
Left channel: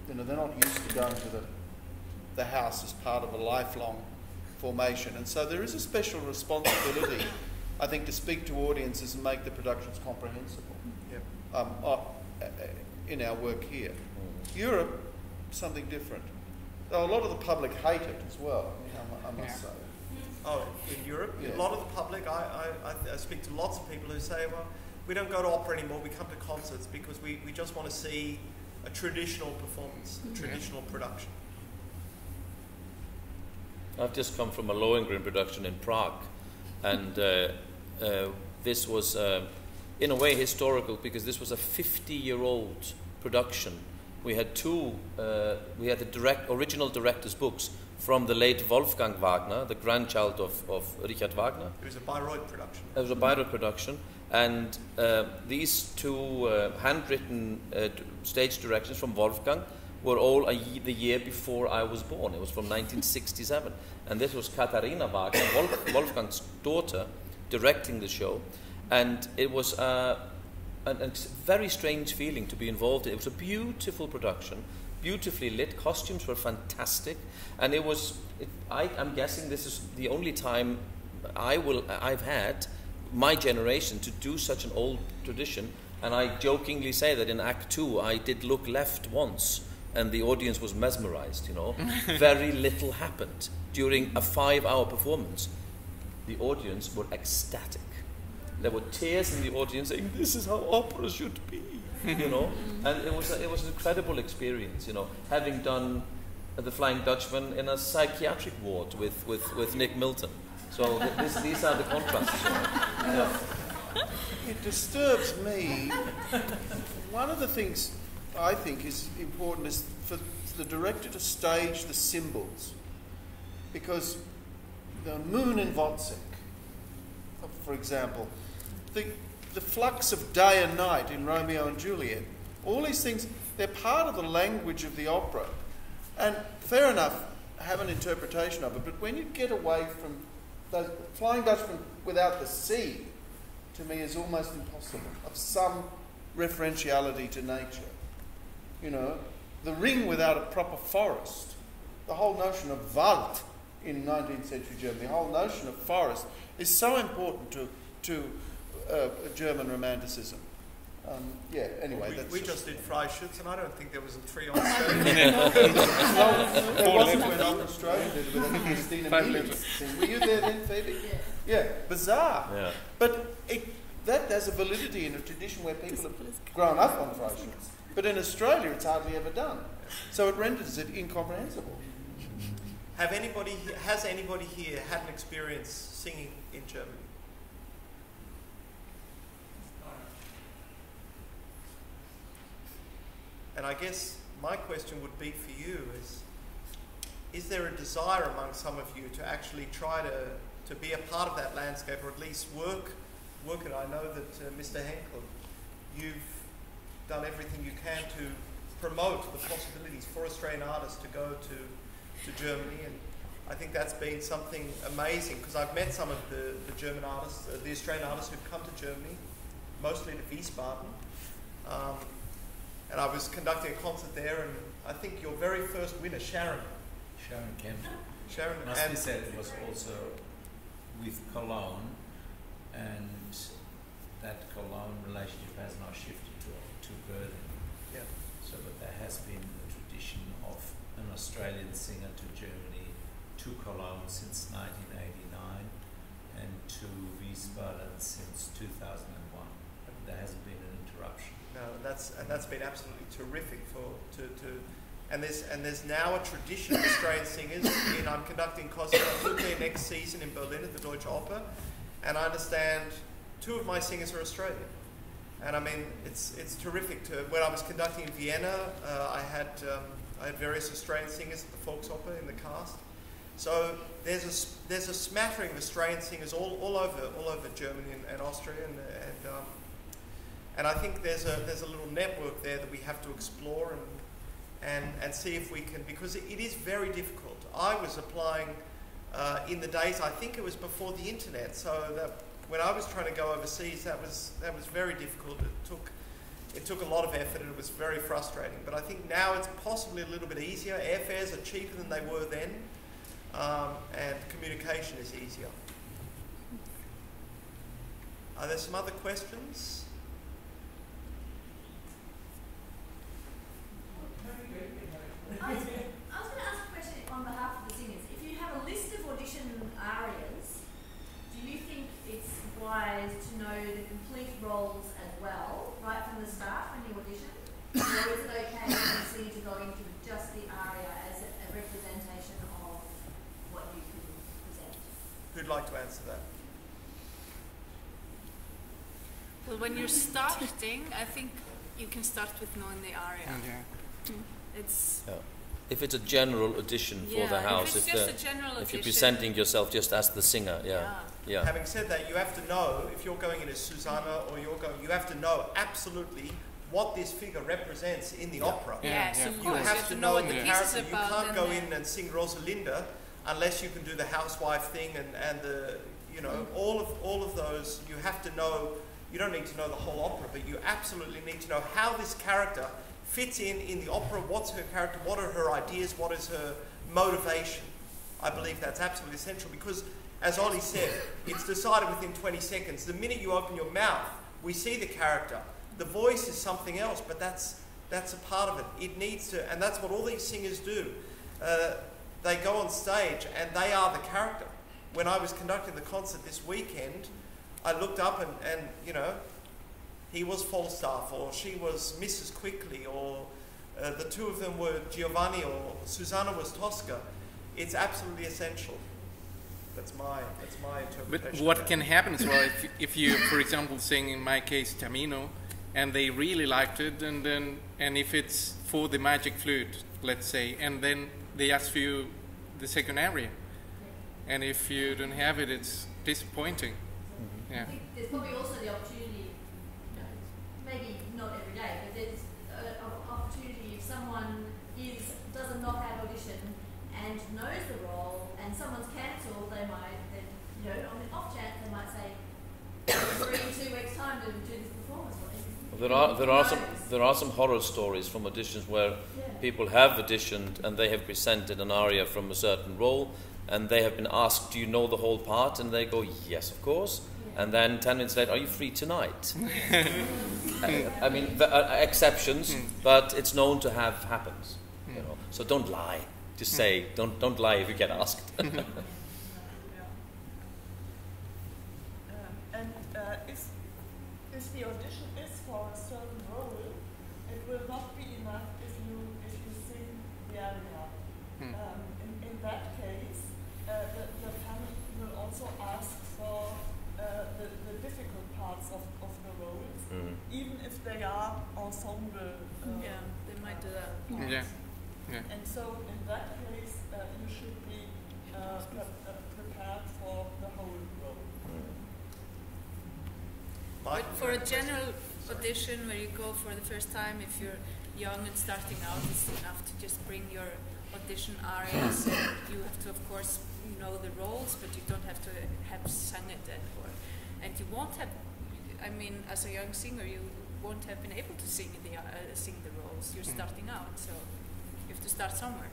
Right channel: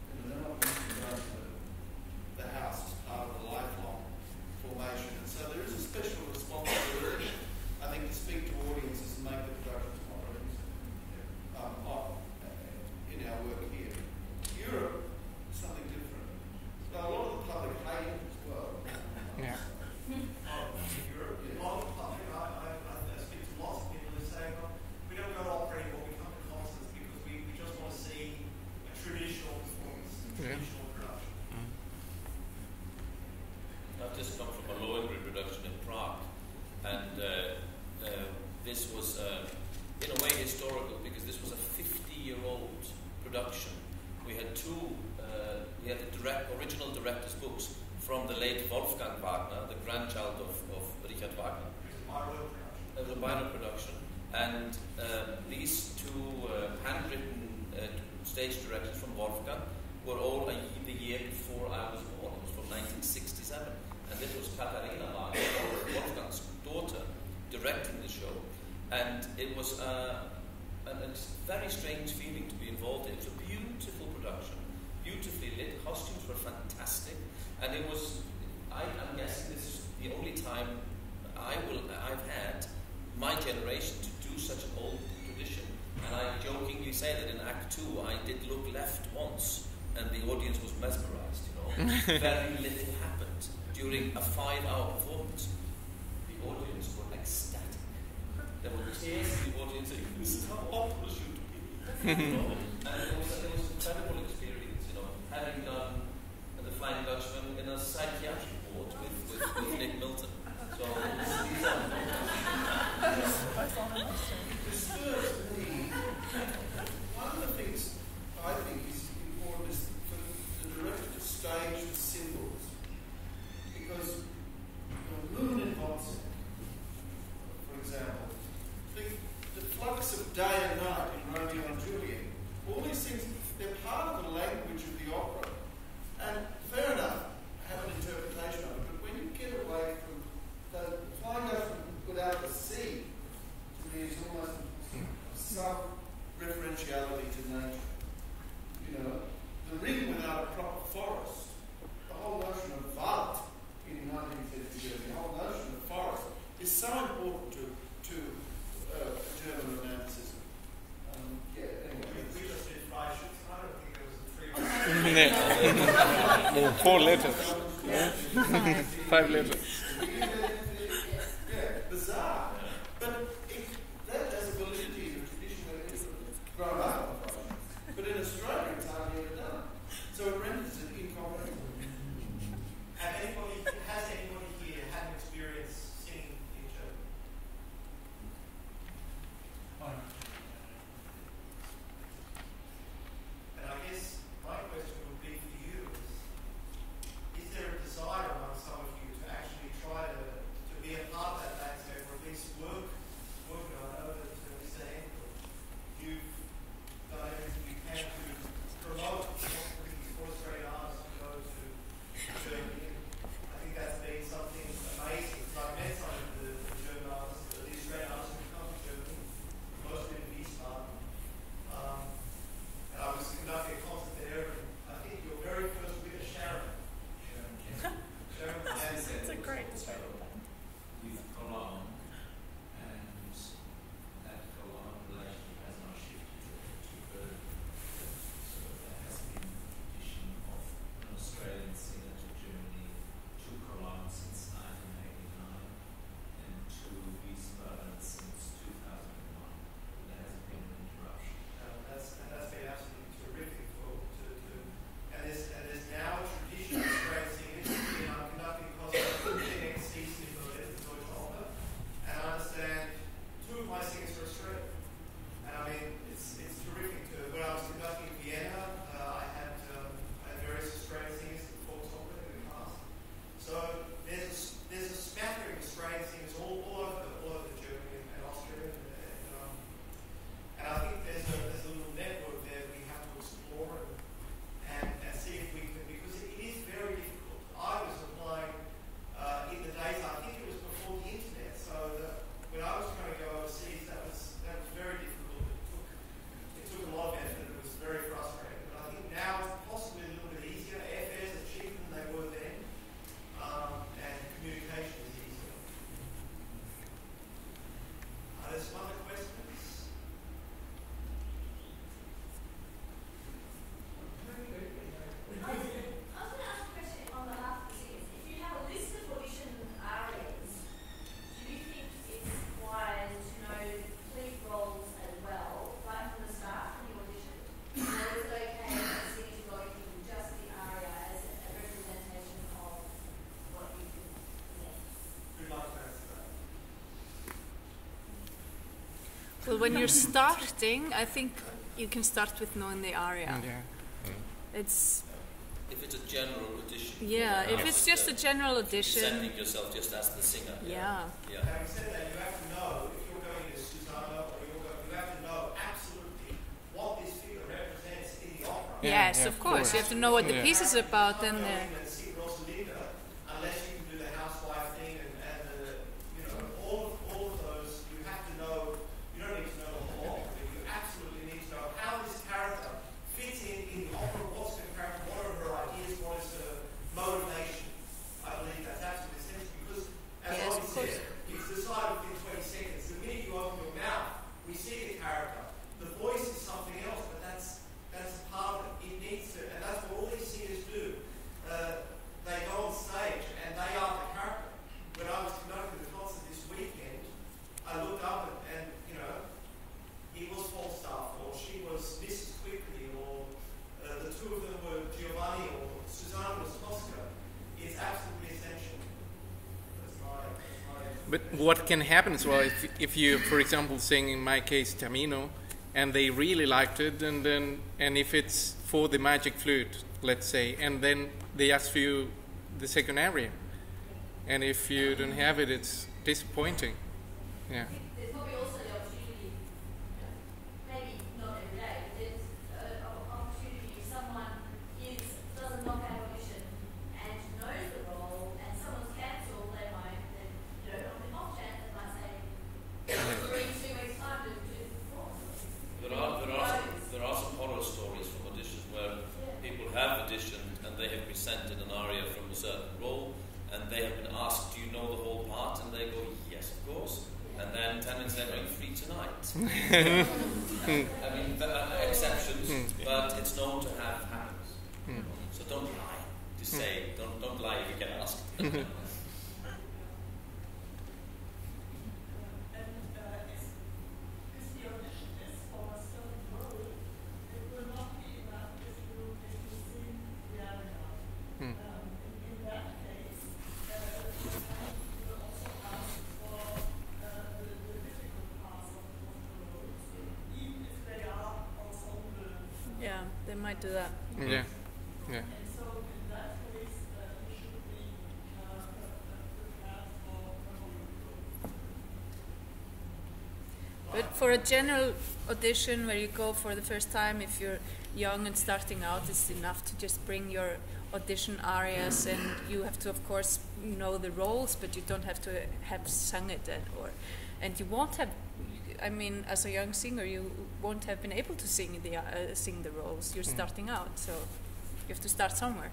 They're not used to going to the house as part of a lifelong formation, and so there is a special responsibility, I think, to speak to audiences and make the productions comprehensible. In our work here. Europe, something different. So a lot of the public hate it as well. I must say. Oh, in Europe, Yeah. A lot of the public, I speak to lots of people who say, well, we don't go to opera anymore, we come to concerts because we just want to see a traditional performance, a traditional production. I've just come from a Lohengrin production in Prague, and this was, in a way, historical because this was a 50-year-old production. We had we had the original director's books from the late Wolfgang Wagner, the grandchild of Richard Wagner. It was a Bayreuth production. It was a Bayreuth production, and these two handwritten stage directions from Wolfgang were all the year before I was born. It was from 1967, and this was Katharina Wagner, Wolfgang's daughter, directing the show, and it was a very strange feeling to be involved in. It was a beautiful production, beautifully lit, costumes were fantastic, and it was, I'm guessing this is the only time I've had, my generation, to do such an old tradition, and I jokingly say that in Act 2 I did look left once, and the audience was mesmerized, Very little happened during a 5-hour performance. The audience were ecstatic. There were tears in the audience saying, this is how opera should be, And it was an incredible experience, having done The Flying Dutchman in a psychiatric ward with Nick Milton. So these are the contrasts. It disturbs me. One of the things I think is important is for the director to stage the symbols, because the moon in Wozzeck, for example, the flux of day and night in Romeo and Juliet, all these things, they're part of the language of the opera. And fair enough, have an interpretation of it, but when you get away from the Flying Dutchman without the sea, to me is almost impossible, of some referentiality to nature. The Ring without a proper forest, the whole notion of Wald in 19th century Germany, the whole notion of forest is so important to German romanticism. Anyway, we just did Freischütz, and I don't think there was a tree on stage. 4 letters. 5 letters. Were you there then, Phoebe? Yeah, bizarre. Yeah. But that has a validity in a tradition where people have grown up on Freischütz. But in Australia, it's hardly ever done. So it renders it incomprehensible. Has anybody here had an experience singing in German? And I guess my question would be for you is there a desire among some of you to actually try to be a part of that landscape, or at least work it? I know that Mr. Henkell, you've done everything you can to promote the possibilities for Australian artists to go to Germany, and I think that's been something amazing, because I've met some of the German artists, the Australian artists who've come to Germany, mostly to Wiesbaden, and I was conducting a concert there, and I think your very first winner, Sharon Kemp. Sharon, as we said, it was also with Cologne, and that Cologne relationship has now shifted to Berlin. Yeah. So that there has been a tradition of an Australian singer to Germany, to Cologne since 1989, and to Wiesbaden since 2001. There hasn't been an interruption. No, that's been absolutely terrific and there's now a tradition of Australian singers. I'm conducting concerts next season in Berlin at the Deutsche Oper, and I understand 2 of my singers are Australian. And I mean, it's terrific. When I was conducting in Vienna, I had various Australian singers at the Volksoper in the cast. So there's a smattering of Australian singers all over Germany and Austria, and I think there's a little network there that we have to explore and see if we can, because it is very difficult. I was applying in the days, I think it was before the internet, so that when I was trying to go overseas, that was very difficult. It took a lot of effort, and it was very frustrating. But I think now it's possibly a little bit easier. Airfares are cheaper than they were then, and communication is easier. Are there some other questions? I was going to ask a question on behalf of the singers. If you have a list of audition arias, do you think it's wise to know the complete roles as well, right from the start, from the audition? Or is it okay for the singer to go into just the aria as a representation of what you can present? Who'd like to answer that? Well, when you're starting, I think you can start with knowing the aria. Yeah. It's if it's a general audition for the yeah, house, if it's just a general if you're audition, presenting yourself just as the singer, yeah. Having said that, you have to know, if you're going in as Susanna or you have to know absolutely what this figure represents in the opera. Yes, of course. You have to know what the piece is about. You can't go in and sing Rosalinda unless you can do the housewife thing and the, you know, all of those. You have to know. You don't need to know the whole opera, but you absolutely need to know how this character fits in the opera. What's her character? What are her ideas? What is her motivation? I believe that's absolutely essential because, as Ollie said, it's decided within 20 seconds. The minute you open your mouth, we see the character. The voice is something else, but that's a part of it. It needs to, and that's what all these singers do. They go on stage and they are the character. When I was conducting the concert this weekend, I looked up and you know, he was Falstaff, or she was Mrs. Quickly, or the 2 of them were Giovanni, or Susanna was Tosca. It's absolutely essential. That's my interpretation. But what can happen as well if you, for example, sing in my case Tamino, and they really liked it, and if it's for the magic flute, let's say, and then they ask for you the second aria, and if you don't have it, it's disappointing. Yeah. There's probably also the opportunity, maybe not every day, but there's an opportunity if someone does a knockout audition and knows the role, and someone's cancelled, they might then, you know, on the off chance, they might say, 2 weeks time to do the performance. There are some horror stories from auditions where people have auditioned and they have presented an aria from a certain role, and they have been asked, "Do you know the whole part?" And they go, "Yes, of course." And then 10 minutes later, "Are you free tonight?" I mean, exceptions, but it's known to have happened. You know? So don't lie. Just say, don't lie if you get asked. If the audition is for a certain role, it will not be enough if you sing the aria. In that case, that. Yeah. Yeah. And so in that case, you should be prepared for the whole role. But for a general audition where you go for the first time, if you're young and starting out, it's enough to just bring your audition arias, and you have to, of course, know the roles, but you don't have to have sung it, and you won't have. I mean, as a young singer, you won't have been able to sing the roles. You're starting out, so you have to start somewhere.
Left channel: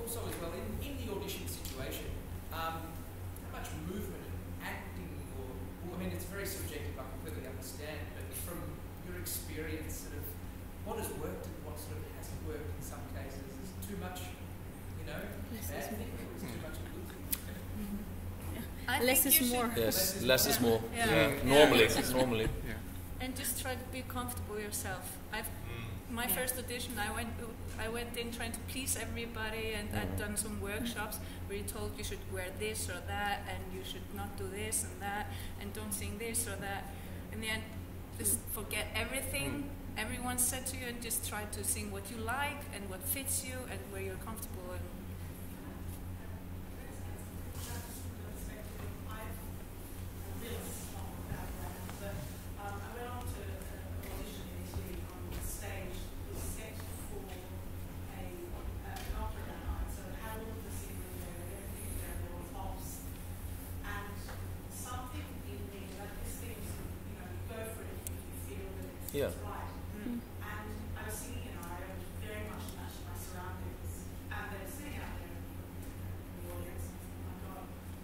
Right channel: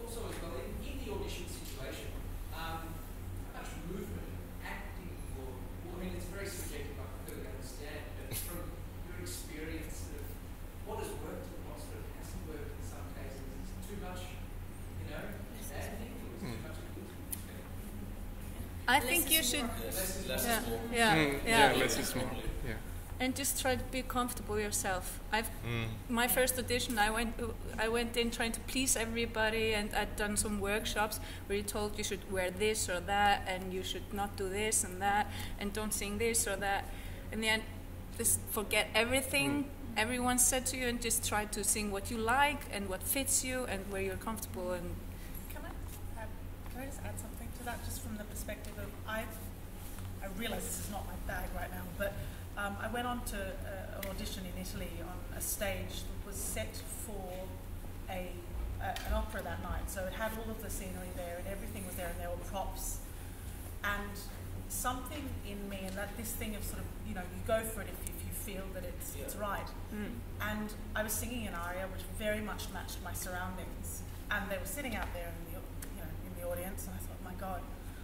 Also, as well, in the audition situation, how much movement, acting, I mean, it's very subjective, I completely understand, but from your experience, sort of, what has worked and what sort of hasn't worked in some cases? Is it too much, bad thing, or is it too much good thing? I think you should. Yes, less is more. Normally. Yeah. And just try to be comfortable yourself. My first audition, I went in trying to please everybody, and I'd done some workshops where you told you should wear this or that, and you should not do this and that, and don't sing this or that. In the end, just forget everything everyone said to you, and just try to sing what you like and what fits you and where you're comfortable. And Can I just add something to that, just from the perspective of I realize this is not my bag right now, but I went on to an audition in Italy on a stage that was set for an opera that night. So it had all of the scenery there, and everything was there, and there were props. And something in me, and that this thing of sort of, you go for it if you feel that it's right. And I was singing an aria which very much matched my surroundings, and they were sitting out there in the audience, and I thought, my God,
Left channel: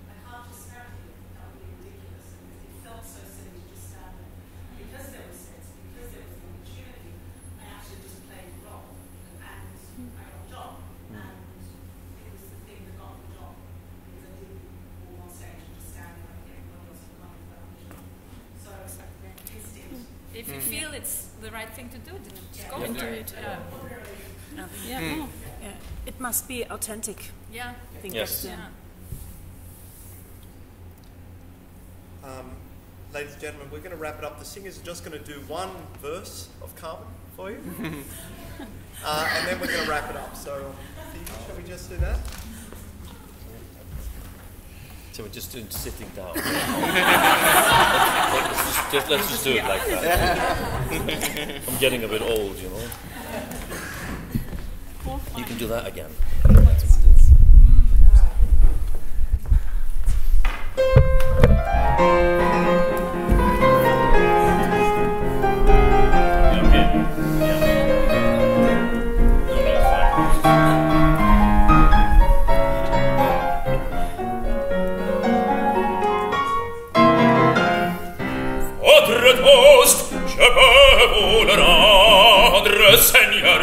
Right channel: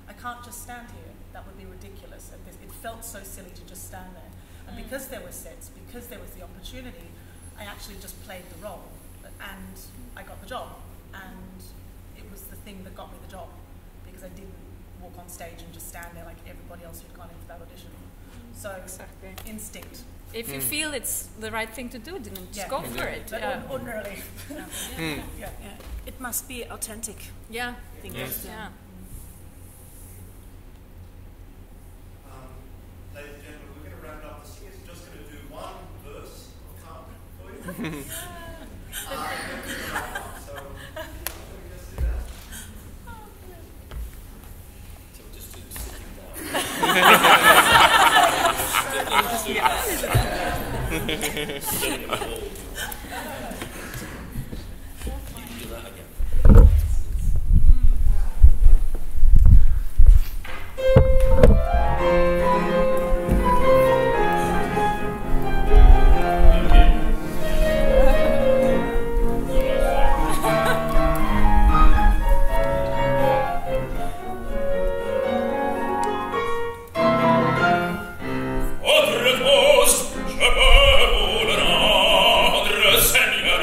I can't just stand here. That would be ridiculous. And it felt so silly to just stand there. And because there were sets, because there was the opportunity, I actually just played the role, and I got the job. And it was the thing that got me the job, because I didn't walk on stage and just stand there like everybody else who'd gone into that audition. So instinct. if you feel it's the right thing to do, then just go for it. It must be authentic. Yeah. I think yes. Ladies and gentlemen, we're going to wrap it up. The singer's just going to do one verse of Carmen for you. And then we're going to wrap it up. So, shall we just do that? So we're just doing sitting down. Let's just do it like that. I'm getting a bit old, You can do that again. That's what it is.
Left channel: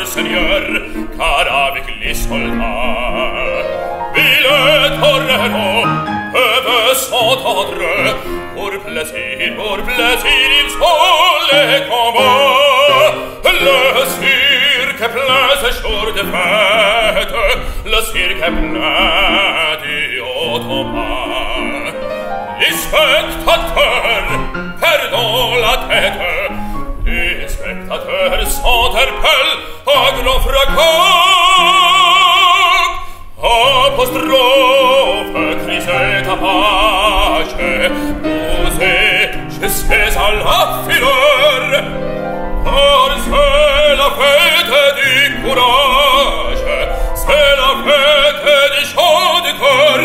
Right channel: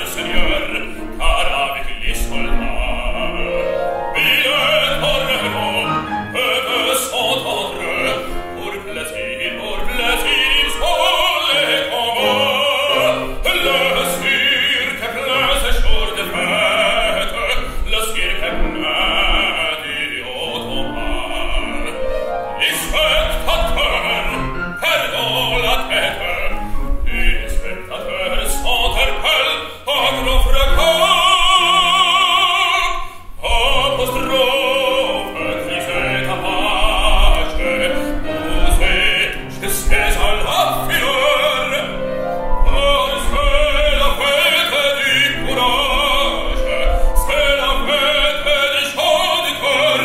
Seigneur, car avec les soldats, ville tornero, peuvent s'entendre, pour plaisir, il faut les combats. Le cirque plein ce jour de fête, le cirque plein du automat. Les spectateurs perdent la tête, les spectateurs s'interpellent à grand fracas. Apostrophe, crise, tapage, posée jusqu'à la fureur. Car c'est la fête du courage, c'est la fête des chants du cœur.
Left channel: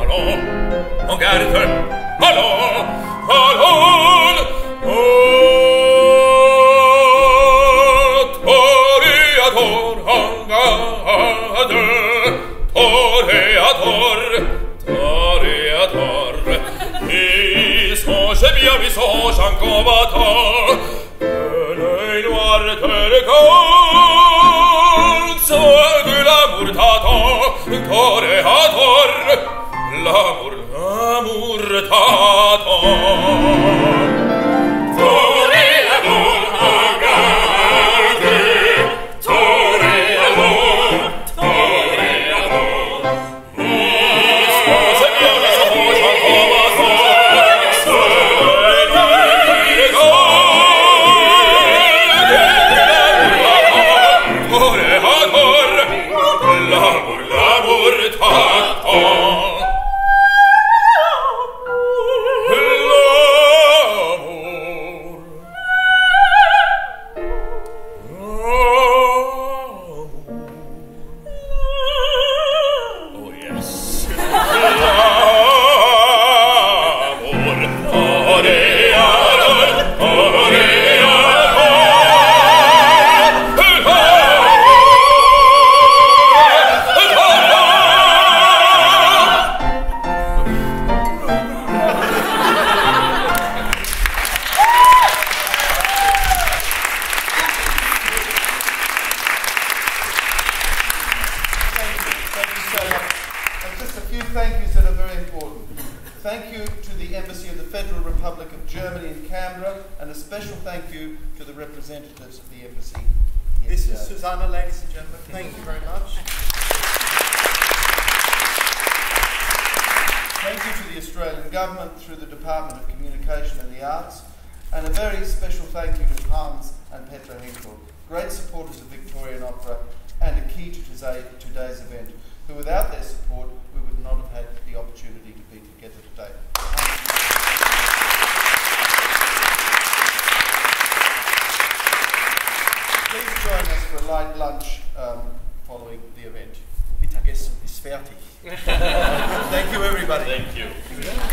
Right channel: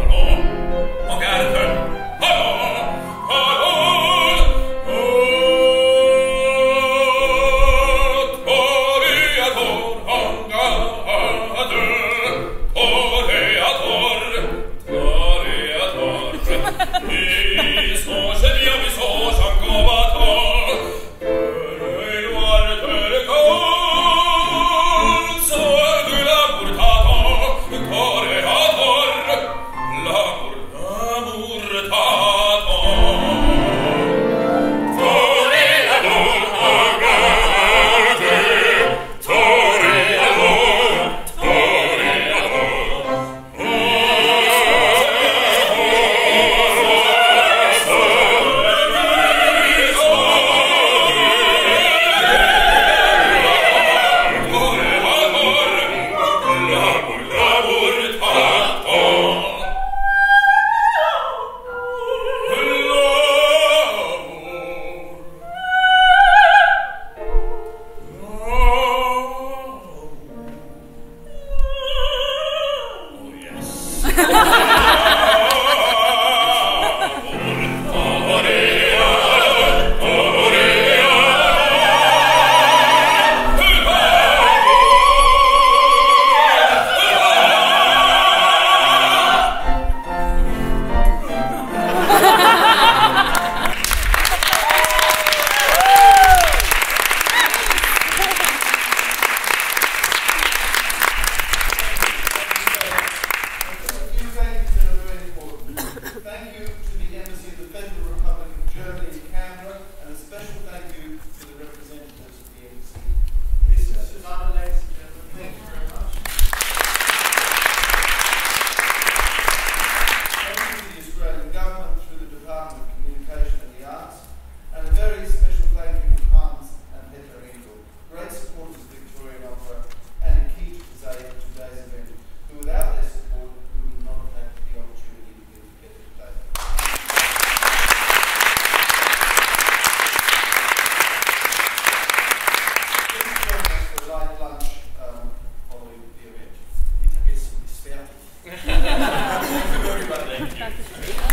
Allons, en garde, allons, allons, oh, toreador, thank you to the Embassy of the Federal Republic of Germany in Canberra, and a special thank you to the representatives of the Embassy. This is Susanna, ladies and gentlemen. Thank you very much. Thank you to the Australian Government through the Department of Communication and the Arts, and a very special thank you to Hans and Petra Henkell, great supporters of Victorian Opera and a key to today's event, who without their support we would not have had the opportunity to be together today. Please join us for a light lunch following the event. Mittagessen ist fertig. Thank you, everybody. Thank you.